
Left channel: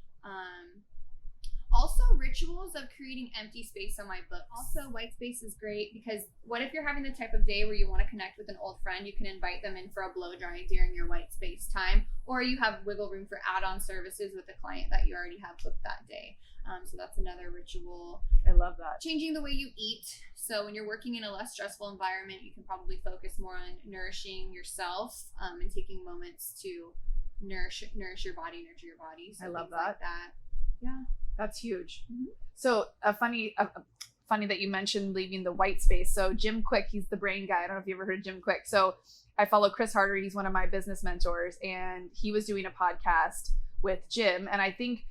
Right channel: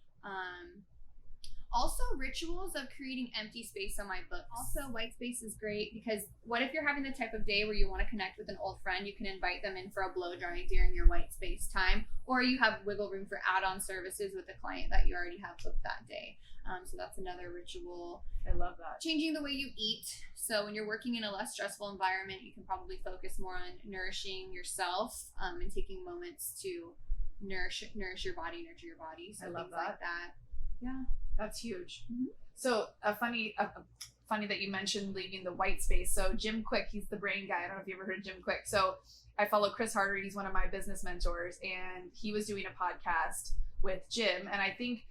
Also, rituals of creating empty space on my books. Also, white space is great, because what if you're having the type of day where you want to connect with an old friend? You can invite them in for a blow dry during your white space time, or you have wiggle room for add-on services with a client that you already have booked that day. So that's another ritual. I love that. Changing the way you eat. So when you're working in a less stressful environment, you can probably focus more on nourishing yourself, and taking moments to nourish your body, nurture your body. So I love that. Like that. Yeah. That's huge. Mm-hmm. So a funny funny that you mentioned leaving the white space. So Jim Quick, he's the brain guy. I don't know if you ever heard of Jim Quick. So I follow Chris Harder. He's one of my business mentors, and he was doing a podcast with Jim. And I think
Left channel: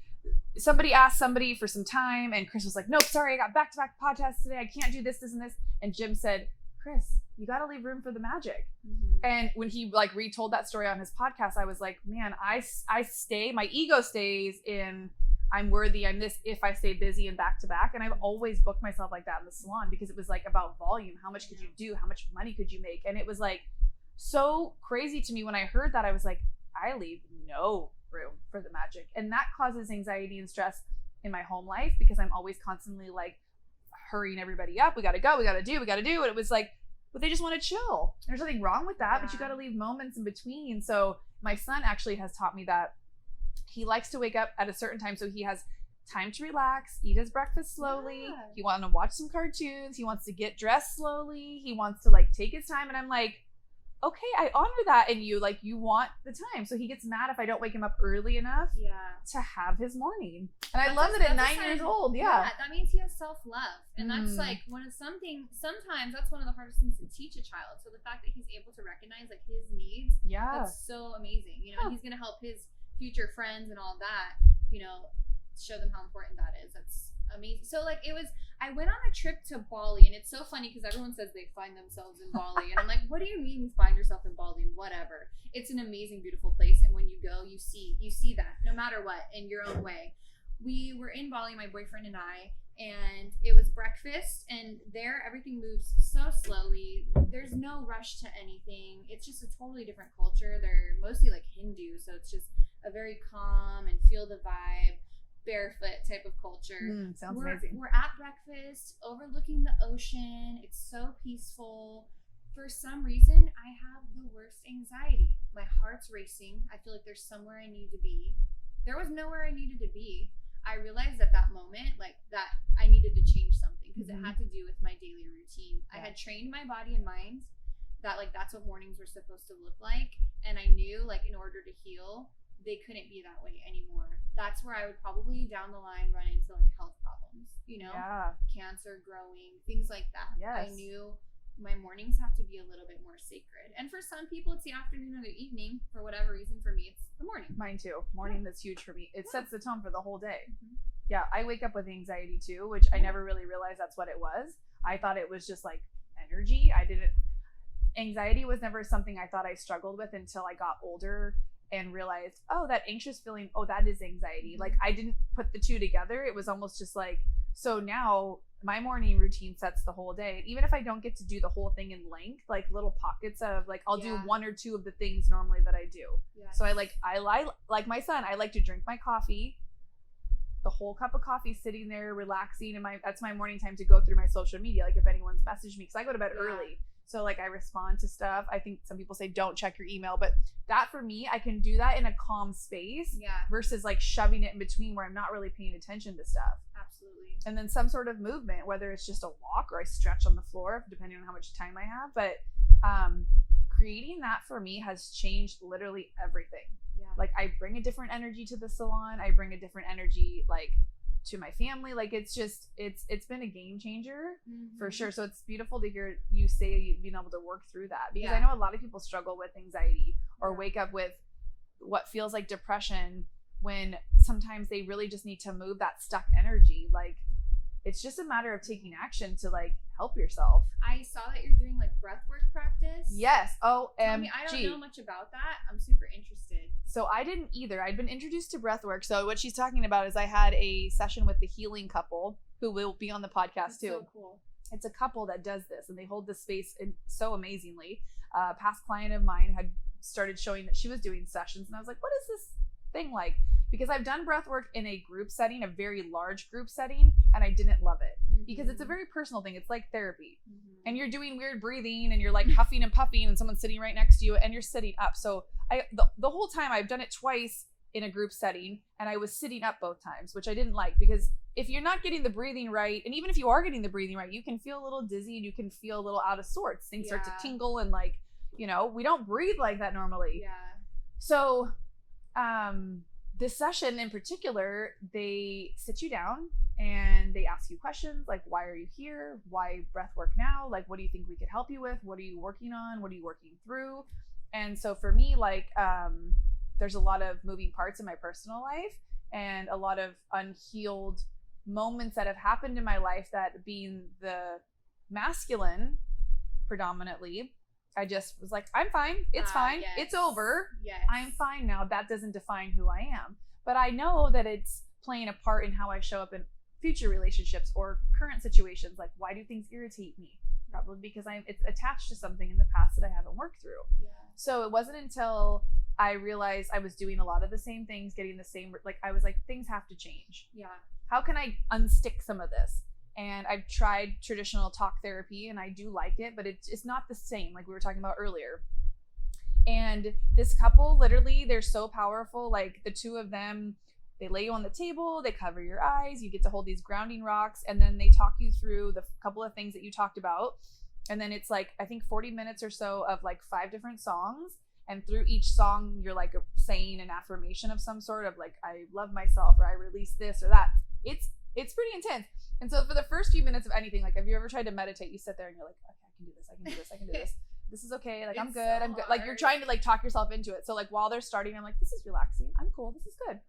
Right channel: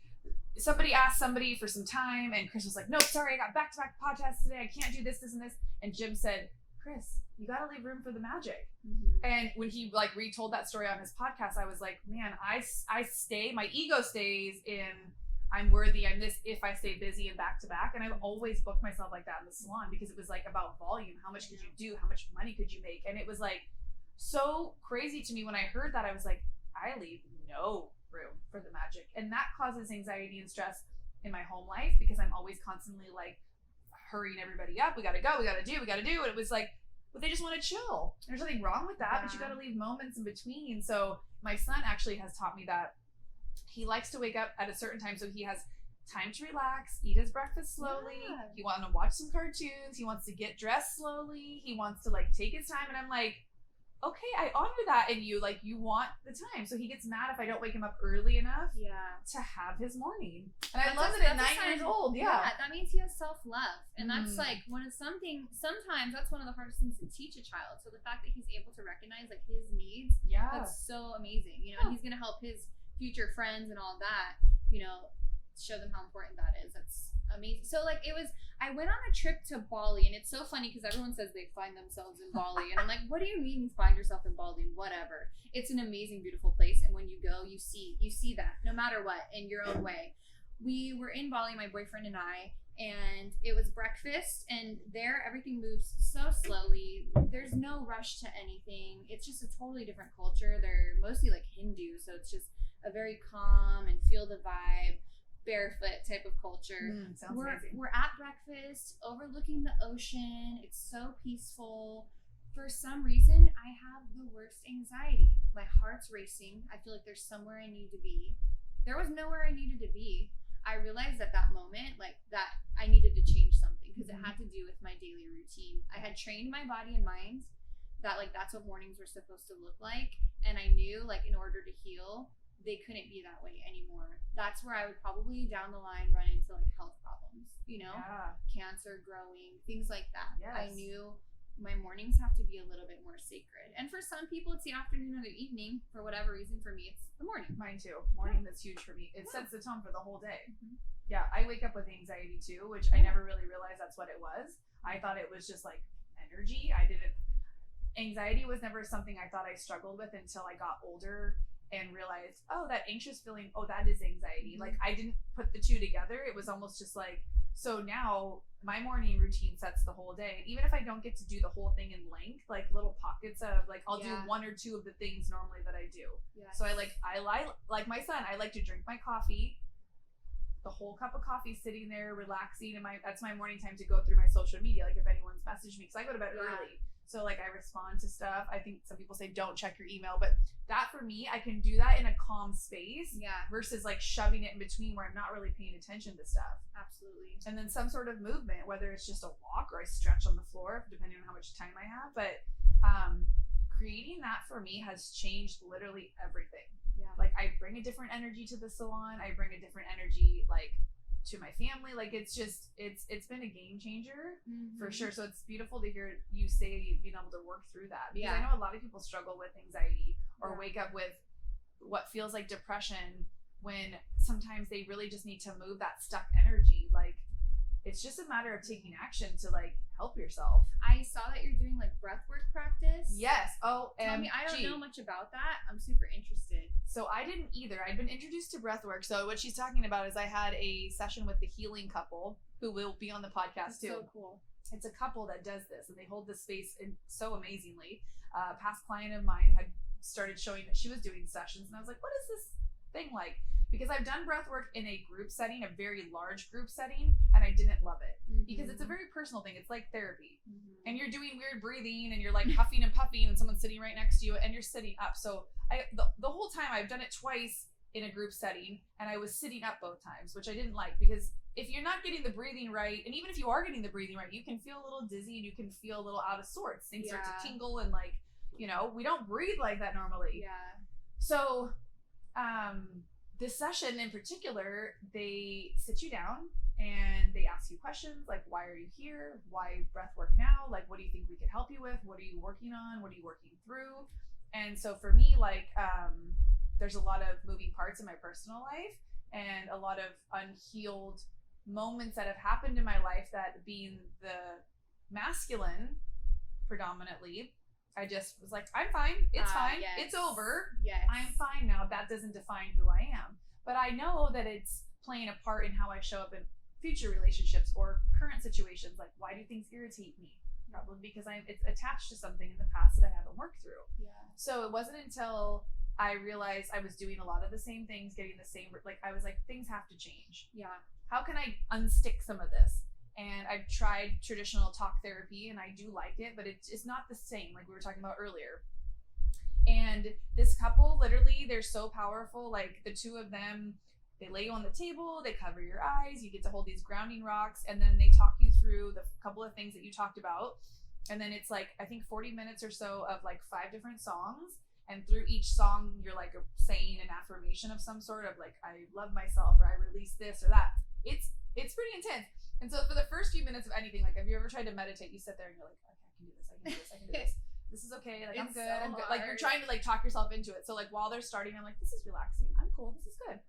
somebody asked somebody for some time, and Chris was like, nope, sorry, I got back-to-back podcasts today. I can't do this, this, and this. And Jim said, Chris, you got to leave room for the magic. And when he like retold that story on his podcast, I was like, man, I stay, my ego stays in, I'm worthy, I'm this, if I stay busy and back to back. And I've always booked myself like that in the salon, because it was like about volume. How much could you do? How much money could you make? And it was like so crazy to me when I heard that. I was like, I leave no room for the magic. And that causes anxiety and stress in my home life, because I'm always constantly like hurrying everybody up. We got to go, we got to do. And it was like, but they just want to chill. There's nothing wrong with that, but you got to leave moments in between. So my son actually has taught me that he likes to wake up at a certain time, so he has time to relax, eat his breakfast slowly. He wants to watch some cartoons. He wants to get dressed slowly. He wants to like take his time. And I'm like, okay, I honor that in you. Like, you want the time. So he gets mad if I don't wake him up early enough to have his morning. And I love it at 9 years old. Yeah, that means he has self-love. And that's like sometimes that's one of the hardest things to teach a child. So the fact that he's able to recognize like his needs, that's so amazing. You know, and he's going to help his future friends and all that, you know, show them how important that is. That's amazing. So like I went on a trip to Bali, and it's so funny because everyone says they find themselves in Bali, and I'm like, what do you mean you find yourself in Bali? Whatever. It's an amazing, beautiful place, and when you go, you see that no matter what in your own way. We were in Bali, my boyfriend and I, and it was breakfast, and there everything moves so slowly. There's no rush to anything. It's just a totally different culture. They're mostly like Hindu, so it's just a very calm and feel the vibe, barefoot type of culture. Sounds amazing. We're at breakfast overlooking the ocean. It's so peaceful. For some reason, I have the worst anxiety. My heart's racing. I feel like there's somewhere I need to be. There was nowhere I needed to be. I realized at that moment, like, that I needed to change something, because it had to do with my daily routine. I had trained my body and mind that like that's what mornings were supposed to look like, and I knew like in order to heal, they couldn't be that way anymore. That's where I would probably down the line run into like health problems, you know, cancer growing, things like that. I knew my mornings have to be a little bit more sacred. And for some people, it's the afternoon or the evening. For whatever reason, for me, it's the morning. Mine too. Morning, that's huge for me. It sets the tone for the whole day. Yeah, I wake up with anxiety too, which I never really realized that's what it was. I thought it was just like energy. Anxiety was never something I thought I struggled with until I got older and realized, oh, that anxious feeling, oh, that is anxiety. Like, I didn't put the two together. It was almost just like, so now my morning routine sets the whole day. Even if I don't get to do the whole thing in length, like little pockets of like, I'll do one or two of the things normally that I do. So I like my son, I like to drink my coffee, the whole cup of coffee, sitting there relaxing, and that's my morning time to go through my social media. Like if anyone's messaged me, because I go to bed early. So like I respond to stuff. I think some people say don't check your email, but that for me, I can do that in a calm space versus like shoving it in between where I'm not really paying attention to stuff. Absolutely. And then some sort of movement, whether it's just a walk or I stretch on the floor, depending on how much time I have. But creating that for me has changed literally everything. Like I bring a different energy to the salon. I bring a different energy like to my family. Like it's been a game changer for sure. So it's beautiful to hear you say you've been able to work through that, because I know a lot of people struggle with anxiety or wake up with what feels like depression, when sometimes they really just need to move that stuck energy. Like it's just a matter of taking action to like help yourself. I saw that you're doing like breathwork practice. Yes. I don't know much about that. I'm super interested. So I didn't either. I'd been introduced to breathwork. So what she's talking about is I had a session with the healing couple who will be on the podcast too. So cool. It's a couple that does this, and they hold this space so amazingly. A past client of mine had started showing that she was doing sessions, and I was like, what is this thing like? Because I've done breath work in a group setting, a very large group setting, and I didn't love it because it's a very personal thing. It's like therapy, and you're doing weird breathing, and you're like huffing and puffing, and someone's sitting right next to you, and you're sitting up. So the whole time I've done it twice in a group setting, and I was sitting up both times, which I didn't like, because if you're not getting the breathing right, and even if you are getting the breathing right, you can feel a little dizzy and you can feel a little out of sorts. Things start to tingle, and like, you know, we don't breathe like that normally. So this session in particular, they sit you down and they ask you questions like, why are you here? Why breath work now? Like, what do you think we could help you with? What are you working on? What are you working through? And so for me, like, there's a lot of moving parts in my personal life and a lot of unhealed moments that have happened in my life that, being the masculine predominantly, I just was like, I'm fine. It's fine. Yes. It's over. Yes. I'm fine now. That doesn't define who I am. But I know that it's playing a part in how I show up in future relationships or current situations. Like, why do things irritate me? Probably because it's attached to something in the past that I haven't worked through. Yeah. So it wasn't until I realized I was doing a lot of the same things, getting the same, like, I was like, things have to change. Yeah. How can I unstick some of this? And I've tried traditional talk therapy and I do like it, but it's not the same, like we were talking about earlier. And this couple, literally, they're so powerful. Like, the two of them, they lay you on the table, they cover your eyes, you get to hold these grounding rocks, and then they talk you through the couple of things that you talked about. And then it's like, I think 40 minutes or so of like 5 different songs. And through each song, you're like saying an affirmation of some sort of like, I love myself, or I release this or that. It's pretty intense. And so for the first few minutes of anything, like, have you ever tried to meditate? You sit there and you're like, okay, I can do this, I can do this, I can do this. This is okay. Like, I'm good. So I'm good. Like, you're trying to like talk yourself into it. So like while they're starting, I'm like, this is relaxing. I'm cool. This is good.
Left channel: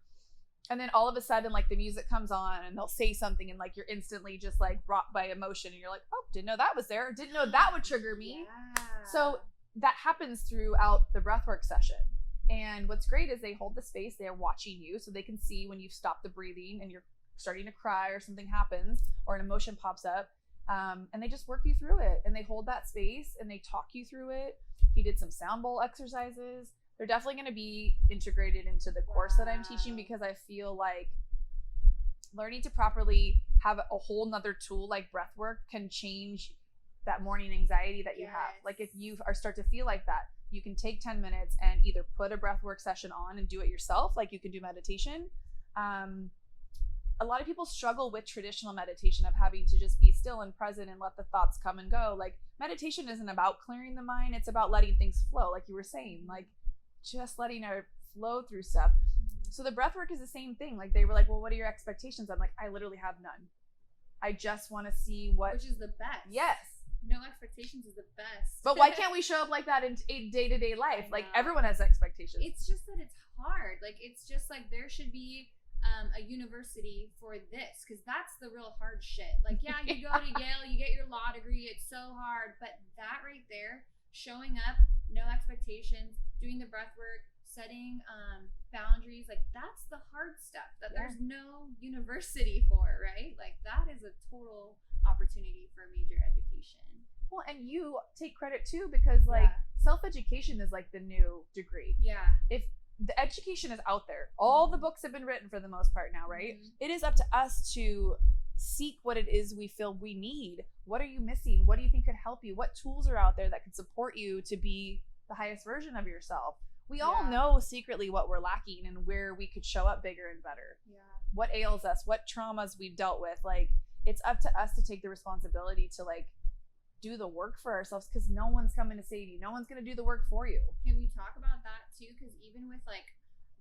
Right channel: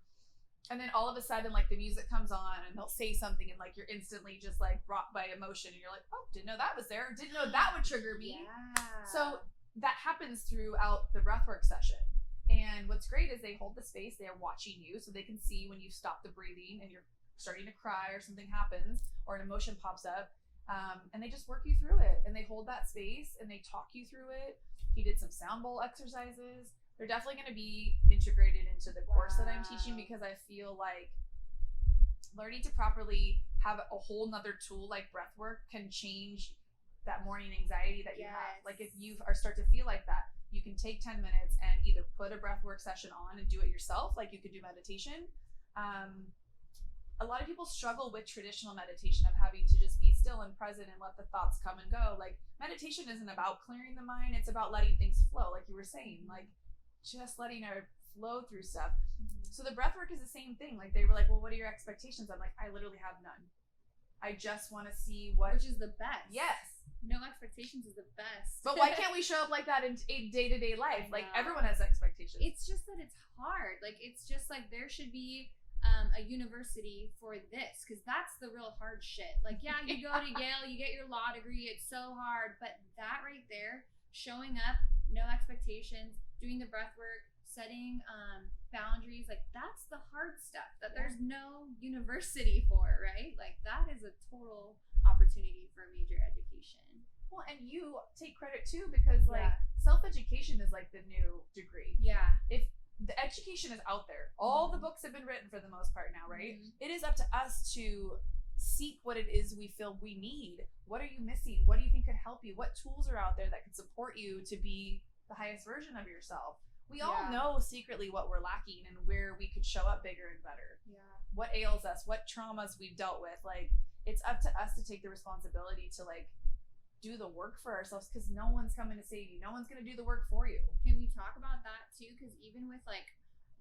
And then all of a sudden, like, the music comes on and they'll say something and like you're instantly just like brought by emotion and you're like, oh, didn't know that was there. Didn't know that would trigger me. Yeah. So that happens throughout the breathwork session. And what's great is they hold the space. They're watching you so they can see when you've stopped the breathing and you're starting to cry or something happens or an emotion pops up. And they just work you through it and they hold that space and they talk you through it. He did some sound bowl exercises. They're definitely going to be integrated into the course that I'm teaching, because I feel like learning to properly have a whole nother tool like breath work can change that morning anxiety that you have. Like, if you start to feel like that, you can take 10 minutes and either put a breath work session on and do it yourself, like you could do meditation. A lot of people struggle with traditional meditation of having to just be still and present and let the thoughts come and go. Like, meditation isn't about clearing the mind, it's about letting things flow, like you were saying, like just letting it flow through stuff. So the breath work is the same thing. Like, they were like, well, what are your expectations? I'm like, I literally have none. I just want to see what, which is the best. Yes. No expectations is the best. But why can't we show up like that in day-to-day life? Like, everyone has expectations. It's just that it's hard. Like, it's just like there should be a university for this, because that's the real hard shit. Like, yeah, you go to Yale, you get your law degree, it's so hard, but that right there, showing up, no expectations, doing the breath work, setting boundaries, like, that's the hard stuff that there's no university for, right? Like, that is a total opportunity for major education. Well, and you take credit too, because like self-education is like the new degree. Yeah. If the education is out there, all the books have been written for the most part now, right? It is up to us to seek what it is we feel we need. What are you missing? What do you think could help you? What tools are out there that could support you to be the highest version of yourself? We all know secretly what we're lacking and where we could show up bigger and better. Yeah. What ails us, what traumas we've dealt with. Like, it's up to us to take the responsibility to like do the work for ourselves, because no one's coming to save you. No one's going to do the work for you. Can we talk about that too? Because even with like,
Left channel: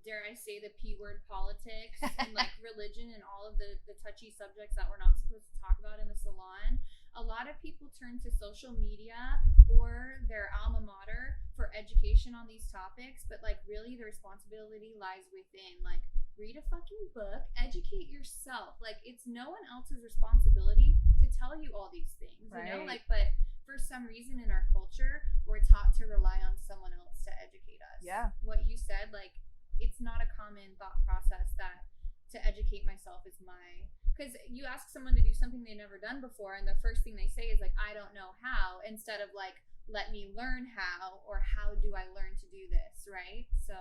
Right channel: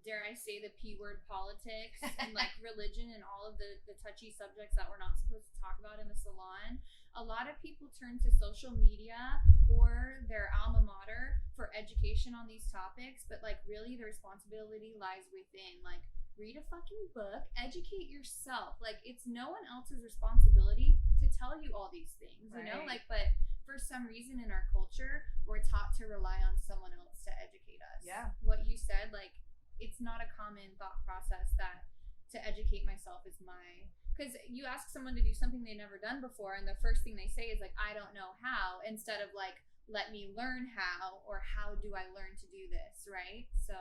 dare I say, the P word politics and like religion and all of the touchy subjects that we're not supposed to talk about in the salon, a lot of people turn to social media or their alma mater for education on these topics, but like really the responsibility lies within. Like, read a fucking book, educate yourself. Like, it's no one else's responsibility to tell you all these things, you know? Like, but for some reason in our culture, we're taught to rely on someone else to educate us. Yeah. What you said, like, it's not a common thought process that to educate myself is my, because you ask someone to do something they've never done before, and the first thing they say is like, I don't know how, instead of like, let me learn how, or how do I learn to do this, right? So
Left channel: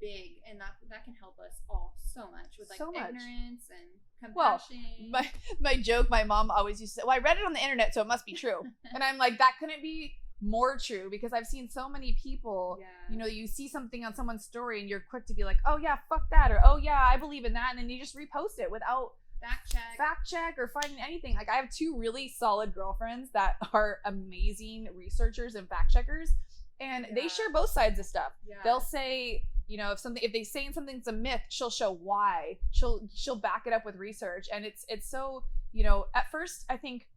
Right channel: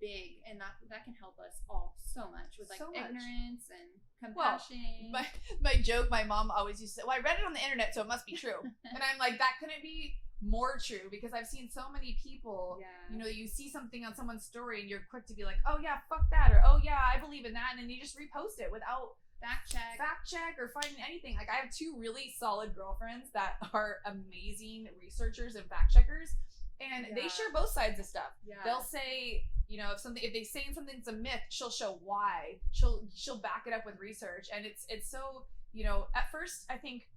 big, and that can help us all so much with like ignorance and compassion. Well, my joke, my mom always used to say, well, I read it on the internet, so it must be true. And I'm like, that couldn't be more true, because I've seen so many people, you know, you see something on someone's story and you're quick to be like, oh yeah, fuck that, or oh yeah, I believe in that, and then you just repost it without fact check or finding anything. Like, I have 2 really solid girlfriends that are amazing researchers and fact checkers, and they share both sides of stuff. They'll say you know, if they saying something's a myth, she'll show why. She'll back it up with research. And it's so, you know, at first I think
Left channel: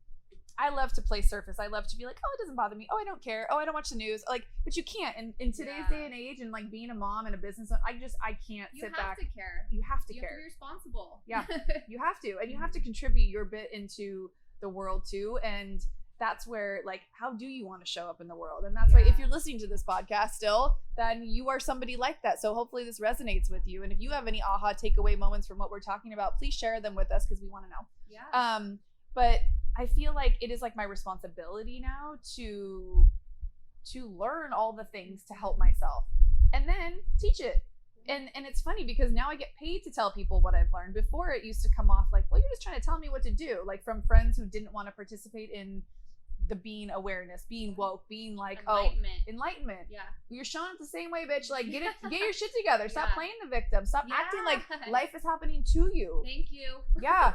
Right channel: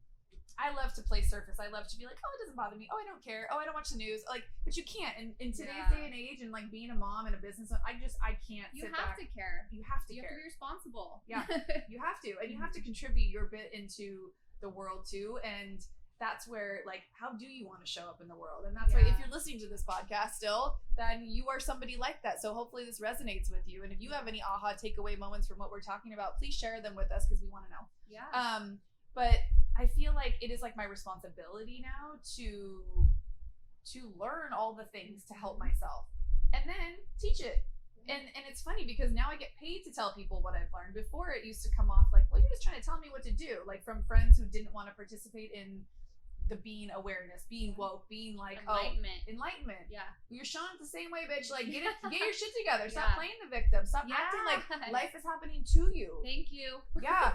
I love to play surface. I love to be like, oh, it doesn't bother me. Oh, I don't care. Oh, I don't watch the news. Like, but you can't in today's day and age, and like being a mom and a business, I can't sit back. You have to care. You have to care. You have to be responsible. Yeah, you have to, and you have to contribute your bit into the world too. And that's where, like, how do you want to show up in the world? And that's why if you're listening to this podcast still, then you are somebody like that. So hopefully this resonates with you. And if you have any aha takeaway moments from what we're talking about, please share them with us because we want to know. Yeah. But I feel like it is like my responsibility now to learn all the things to help myself and then teach it. And it's funny because now I get paid to tell people what I've learned. Before it used to come off like, well, you're just trying to tell me what to do. Like from friends who didn't want to participate in the being awareness, being woke, being like, enlightenment. Yeah. You're showing it the same way, bitch. Like get your shit together. Stop playing the victim. Stop acting like life is happening to you. Thank you. Yeah.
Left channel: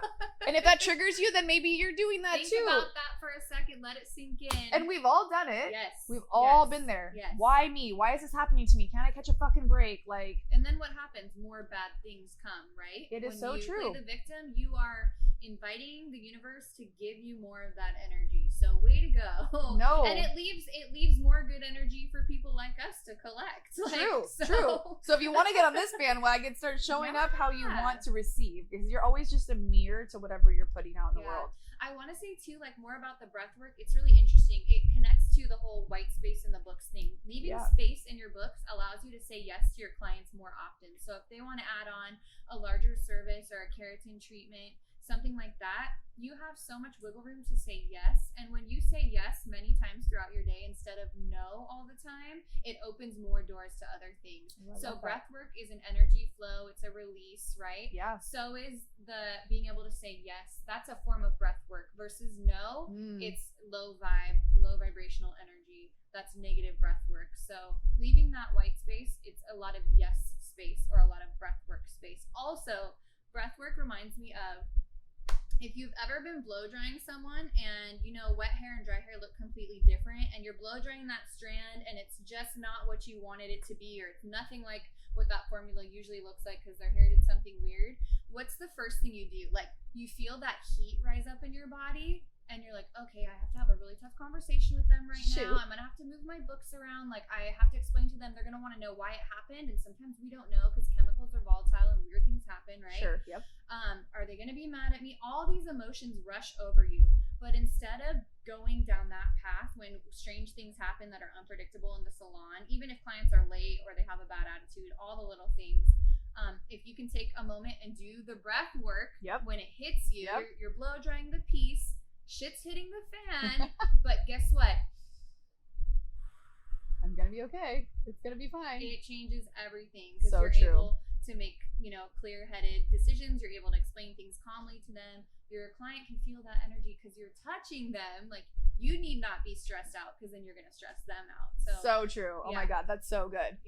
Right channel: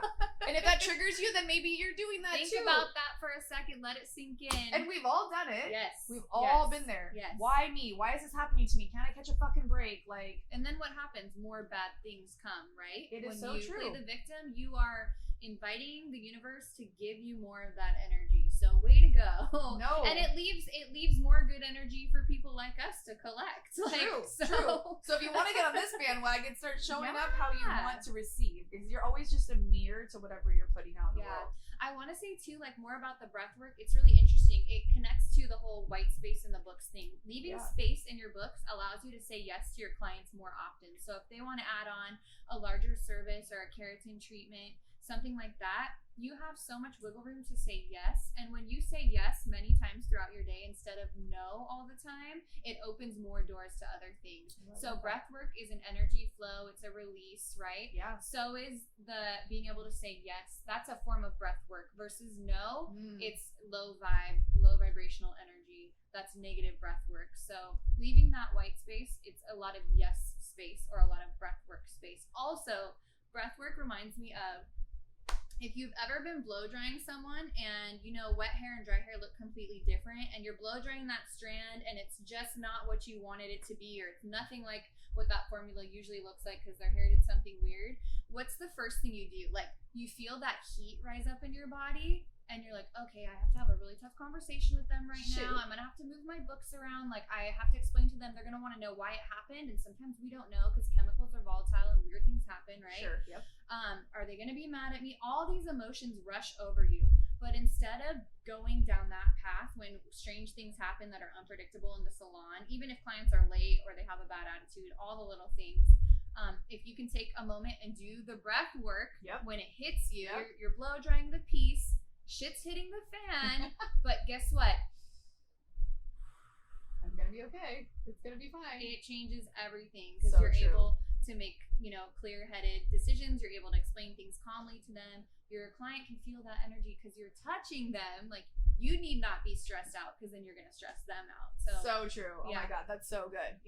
And if that triggers you, then maybe you're doing that too. Think about that for a second. Let it sink in. And we've all done it. Yes. We've all been there. Yes. Why me? Why is this happening to me? Can't I catch a fucking break? Like. And then what happens? More bad things come, right? It is when so you true. Play the victim, you are inviting the universe to give you more of that energy. So way to go. No. And it leaves more good energy for people like us to collect. True. So if you want to get on this bandwagon, start showing up how you want to receive, because you're always just a mirror to whatever you're putting out in the world. I want to say too, like more about the breath work. It's really interesting. It connects to the whole white space in the books thing. Leaving space in your books allows you to say yes to your clients more often. So if they want to add on a larger service or a keratin treatment, something like that, you have so much wiggle room to say yes. And when you say yes many times throughout your day instead of no all the time, it opens more doors to other things. So breath work is an energy flow. It's a release, right? Yeah. So is the being able to say yes. That's a form of breath work versus no. It's low vibrational energy. That's negative breath work. So leaving that white space, it's a lot of yes space or a lot of breath work space. Also, breath work reminds me of, if you've ever been blow drying someone and, you know, wet hair and dry hair look completely different, and you're blow drying that strand and it's just not what you wanted it to be, or it's nothing like what that formula usually looks like because their hair did something weird, what's the first thing you do? Like, you feel that heat rise up in your body and you're like, okay, I have to have a really tough conversation with them right now. I'm going to have to move my books around. Like, I have to explain to them. They're going to want to know why it happened. And sometimes we don't know because chemicals are volatile and weird things happen, right? Sure, yep. Are they going to be mad at me? All these emotions rush over you. But instead of going down that path when strange things happen that are unpredictable in the salon, even if clients are late or they have a bad attitude, all the little things, if you can take a moment and do the breath work when it hits you, you're blow drying the piece, shit's hitting the fan, but guess what? I'm gonna be okay. It's gonna be fine. It changes everything because So you're true. able to make, you know, clear-headed decisions. You're able to explain things calmly to them. Your client can feel that energy because you're touching them. Like, you need not be stressed out because then you're gonna stress them out. So true. Oh my God, that's so good.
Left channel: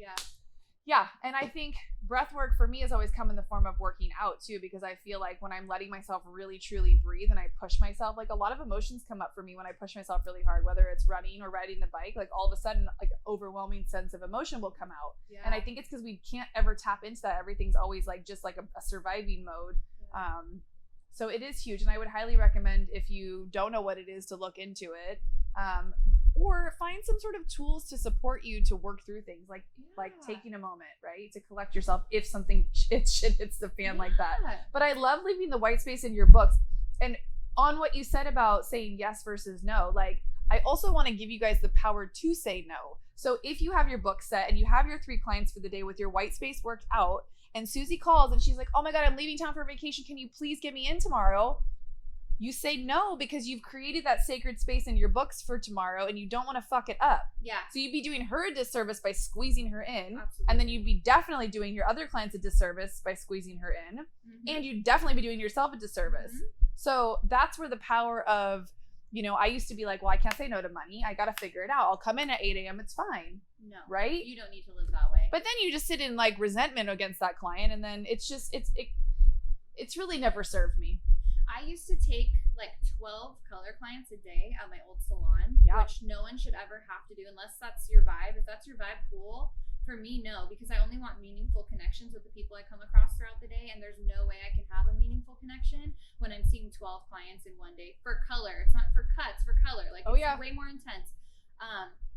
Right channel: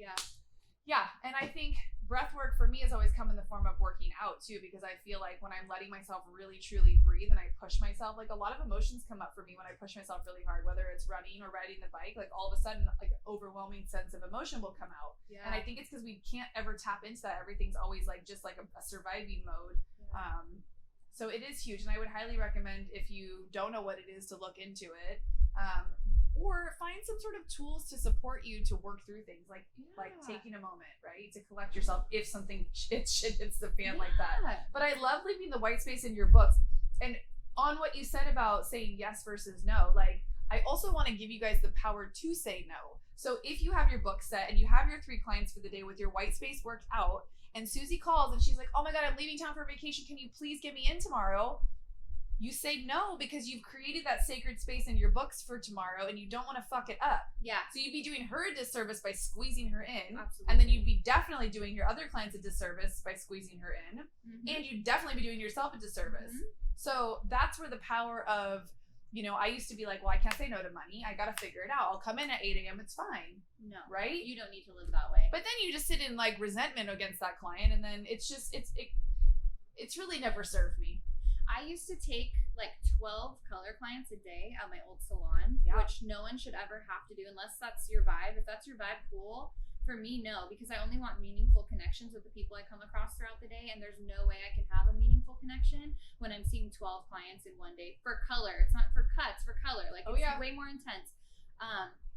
Yeah, and I think breath work for me has always come in the form of working out too, because I feel like when I'm letting myself really truly breathe and I push myself, like a lot of emotions come up for me when I push myself really hard, whether it's running or riding the bike. Like all of a sudden, like an overwhelming sense of emotion will come out. And I think it's because we can't ever tap into that. Everything's always like just like a surviving mode. So it is huge, and I would highly recommend, if you don't know what it is, to look into it, or find some sort of tools to support you to work through things, like taking a moment, right, to collect yourself if something shit hits the fan like that. But I love leaving the white space in your books. And on what you said about saying yes versus no, like, I also want to give you guys the power to say no. So if you have your book set and you have your 3 clients for the day with your white space worked out, and Susie calls and she's like, oh my God, I'm leaving town for vacation, can you please get me in tomorrow? You say no because you've created that sacred space in your books for tomorrow and you don't want to fuck it up. Yeah. So you'd be doing her a disservice by squeezing her in. Absolutely. And then you'd be definitely doing your other clients a disservice by squeezing her in. And you'd definitely be doing yourself a disservice. So that's where the power of, you know, I used to be like, well, I can't say no to money. I got to figure it out. I'll come in at 8 a.m. It's fine. No. Right? You don't need to live that way. But then you just sit in like resentment against that client, and then it's just, it's really never served me. I used to take like 12 color clients a day at my old salon, which no one should ever have to do unless that's your vibe. If that's your vibe, cool. For me, no, because I only want meaningful connections with the people I come across throughout the day, and there's no way I can have a meaningful connection when I'm seeing 12 clients in one day for color. It's not for cuts, for color. Like, it's way more intense.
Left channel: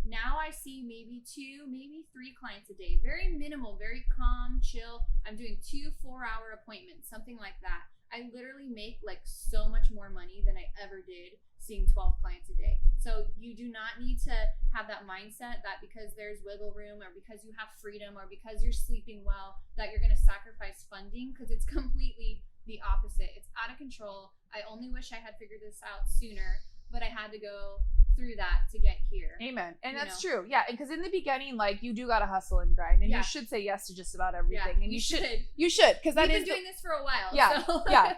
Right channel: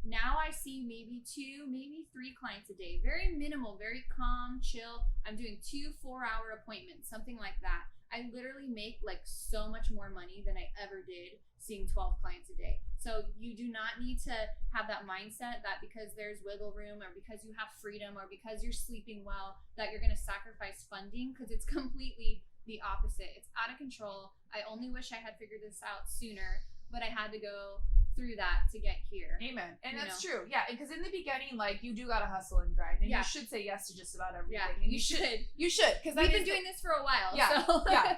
Now I see maybe 2, maybe 3 clients a day. Very minimal, very calm, chill. I'm doing 2 4-hour appointments, something like that. I literally make like so much more money than I ever did seeing 12 clients a day. So you do not need to have that mindset that because there's wiggle room or because you have freedom or because you're sleeping well that you're going to sacrifice funding, because it's completely the opposite. It's out of control. I only wish I had figured this out sooner, but I had to go through that to get here. Amen. And that's true. Yeah. Because in the beginning, like, you do got to hustle and grind, and you should say yes to just about everything. Yeah, and you should. Because we've been doing this for a while. Yeah. So. Yeah.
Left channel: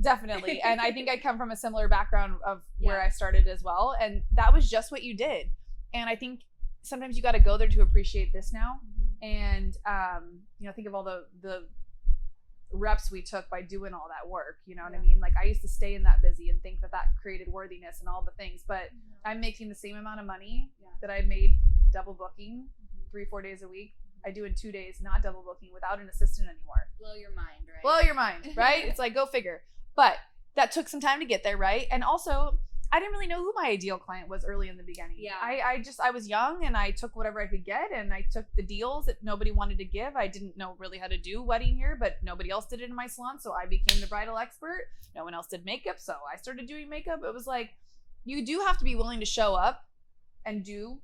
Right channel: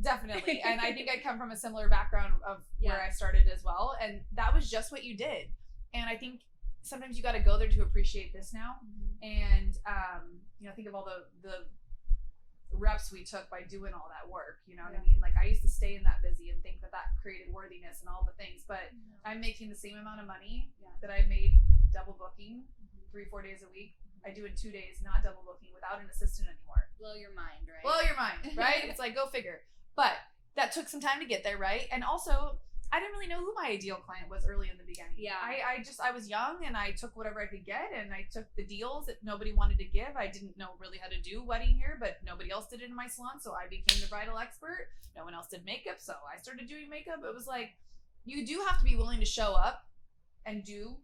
Definitely. And I think I come from a similar background of where I started as well. And that was just what you did. And I think sometimes you got to go there to appreciate this now. And, think of all the reps we took by doing all that work, you know what I mean? Like, I used to stay in that busy and think that created worthiness and all the things, but I'm making the same amount of money that I made double booking 3-4 days a week. I do in 2 days, not double booking, without an assistant anymore. Blow your mind, right? Blow your mind, right? It's like, go figure. But that took some time to get there, right? And also, I didn't really know who my ideal client was early in the beginning. Yeah. I was young, and I took whatever I could get, and I took the deals that nobody wanted to give. I didn't know really how to do wedding hair, but nobody else did it in my salon, so I became the bridal expert. No one else did makeup, so I started doing makeup. It was like, you do have to be willing to show up and do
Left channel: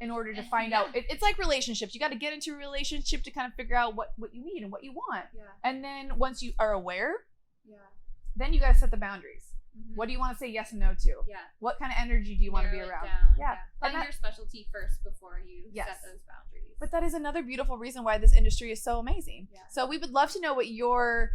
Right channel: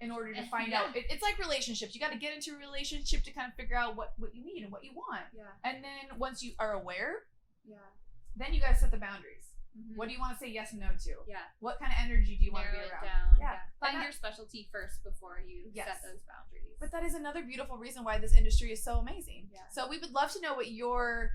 in order to find out. It's like relationships. You got to get into a relationship to kind of figure out what you need and what you want. Yeah. And then once you are aware, then you got to set the boundaries. What do you want to say yes and no to? Yeah. What kind of energy do you want to be around? Find your specialty first before you set those boundaries. But that is another beautiful reason why this industry is so amazing. Yeah. So we would love to know what your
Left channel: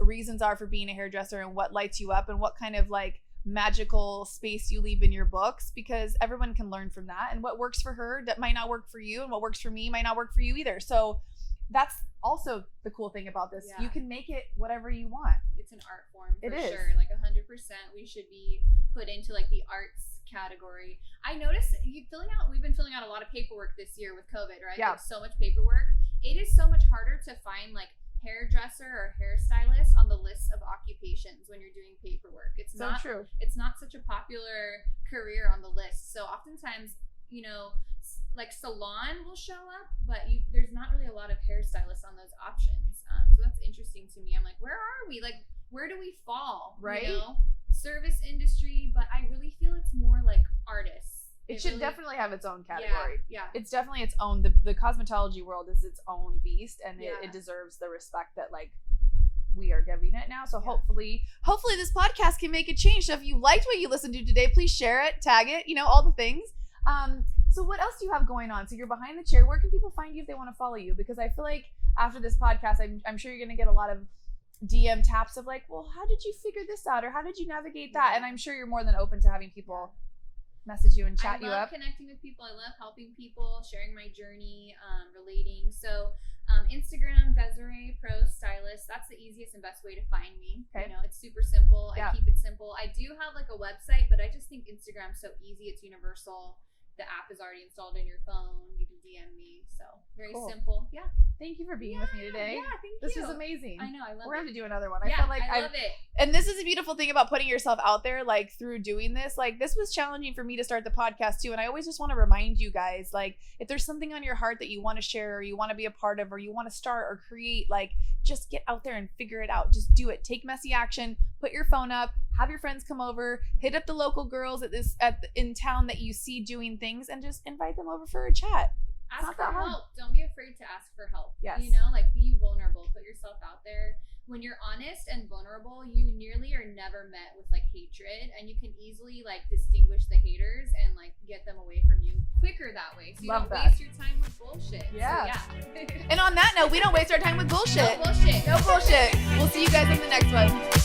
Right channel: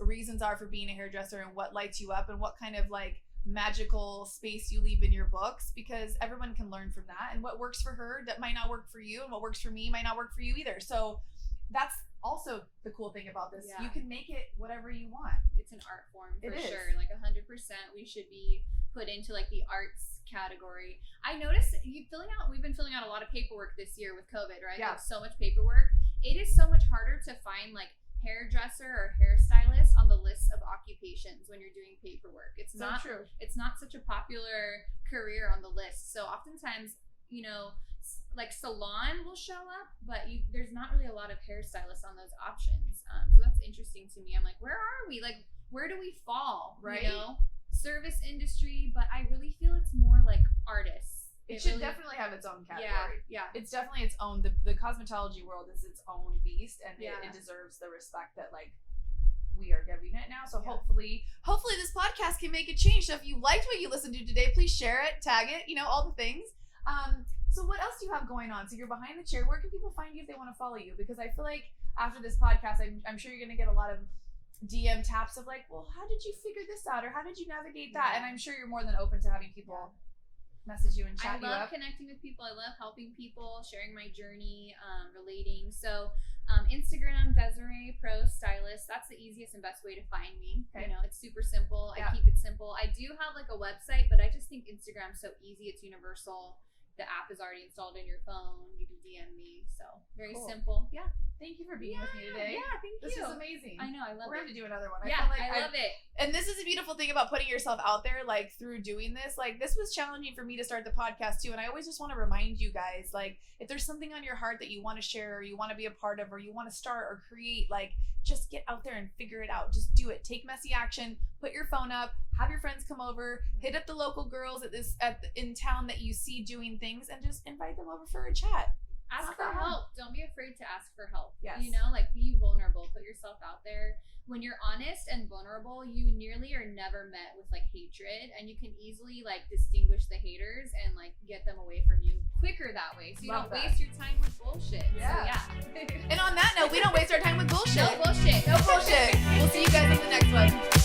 reasons are for being a hairdresser and what lights you up and what kind of like magical space you leave in your books, because everyone can learn from that, and what works for her that might not work for you, and what works for me might not work for you either. So that's also the cool thing about this. You can make it whatever you want. It's an art form for sure. Like 100%, we should be put into like the arts category. I noticed we've been filling out a lot of paperwork this year with COVID, right? Yeah. Like, so much paperwork. It is so much harder to find like hairdresser or hairstylist on the list of occupations when you're doing paperwork. It's not true. It's not such a popular career on the list. So oftentimes, like salon will show up, but there's not really a lot of hairstylists on those options. So that's interesting to me. I'm like, where are we? Like, where do we fall? Right? Service industry, but I really feel it's more like artists. It should definitely have its own category. Yeah. It's definitely its own. The cosmetology world is its own beast, and it deserves the respect that like we are giving it now. So hopefully this podcast can make a change. So if you liked what you listened to today, please share it, tag it, all the things. So what else do you have going on? So you're behind the chair. Where can people find you if they want to follow you? Because I feel like after this podcast, I'm sure you're going to get a lot of DM taps of like, well, how did you figure this out? Or how did you navigate that? And I'm sure you're more than open to having people message you and chat you up. I love connecting with people. I love helping people, sharing my journey, relating. So Instagram, Desiree Pro Stylist. That's the easiest and best way to find me. Okay. It's super simple. I keep it simple. I do have like a website, but I just think Instagram's so easy. It's universal. The app is already installed in your phone. You can DM me. So very simple. Yeah. Thank you for being with me today. Yeah, thank you. This was amazing. I know. I love it. We're going to do another one. I love it. And this is a beautiful thing about putting yourself out there, like through doing this. Like, this was challenging for me to start the podcast too. And I always just want to remind you guys, like, if there's something on your heart that you want to share or you want to be a part of or you want to start or create, like, just get out there and figure it out. Just do it. Take messy action. Put your phone up. Have your friends come over. Hit up the local girls in town that you see doing things, and just invite them over for a chat. Ask for help. Don't be afraid to ask for help. Yes. Like, be vulnerable. Put yourself out there. When you're honest and vulnerable, you nearly are never met with like hatred, and you can easily like distinguish the haters and like get them away from you quicker that way. So you don't waste your time with bullshit. Yeah. So, And on that note, we don't waste our time with bullshit. No bullshit. No bullshit. We'll see you guys in the next one.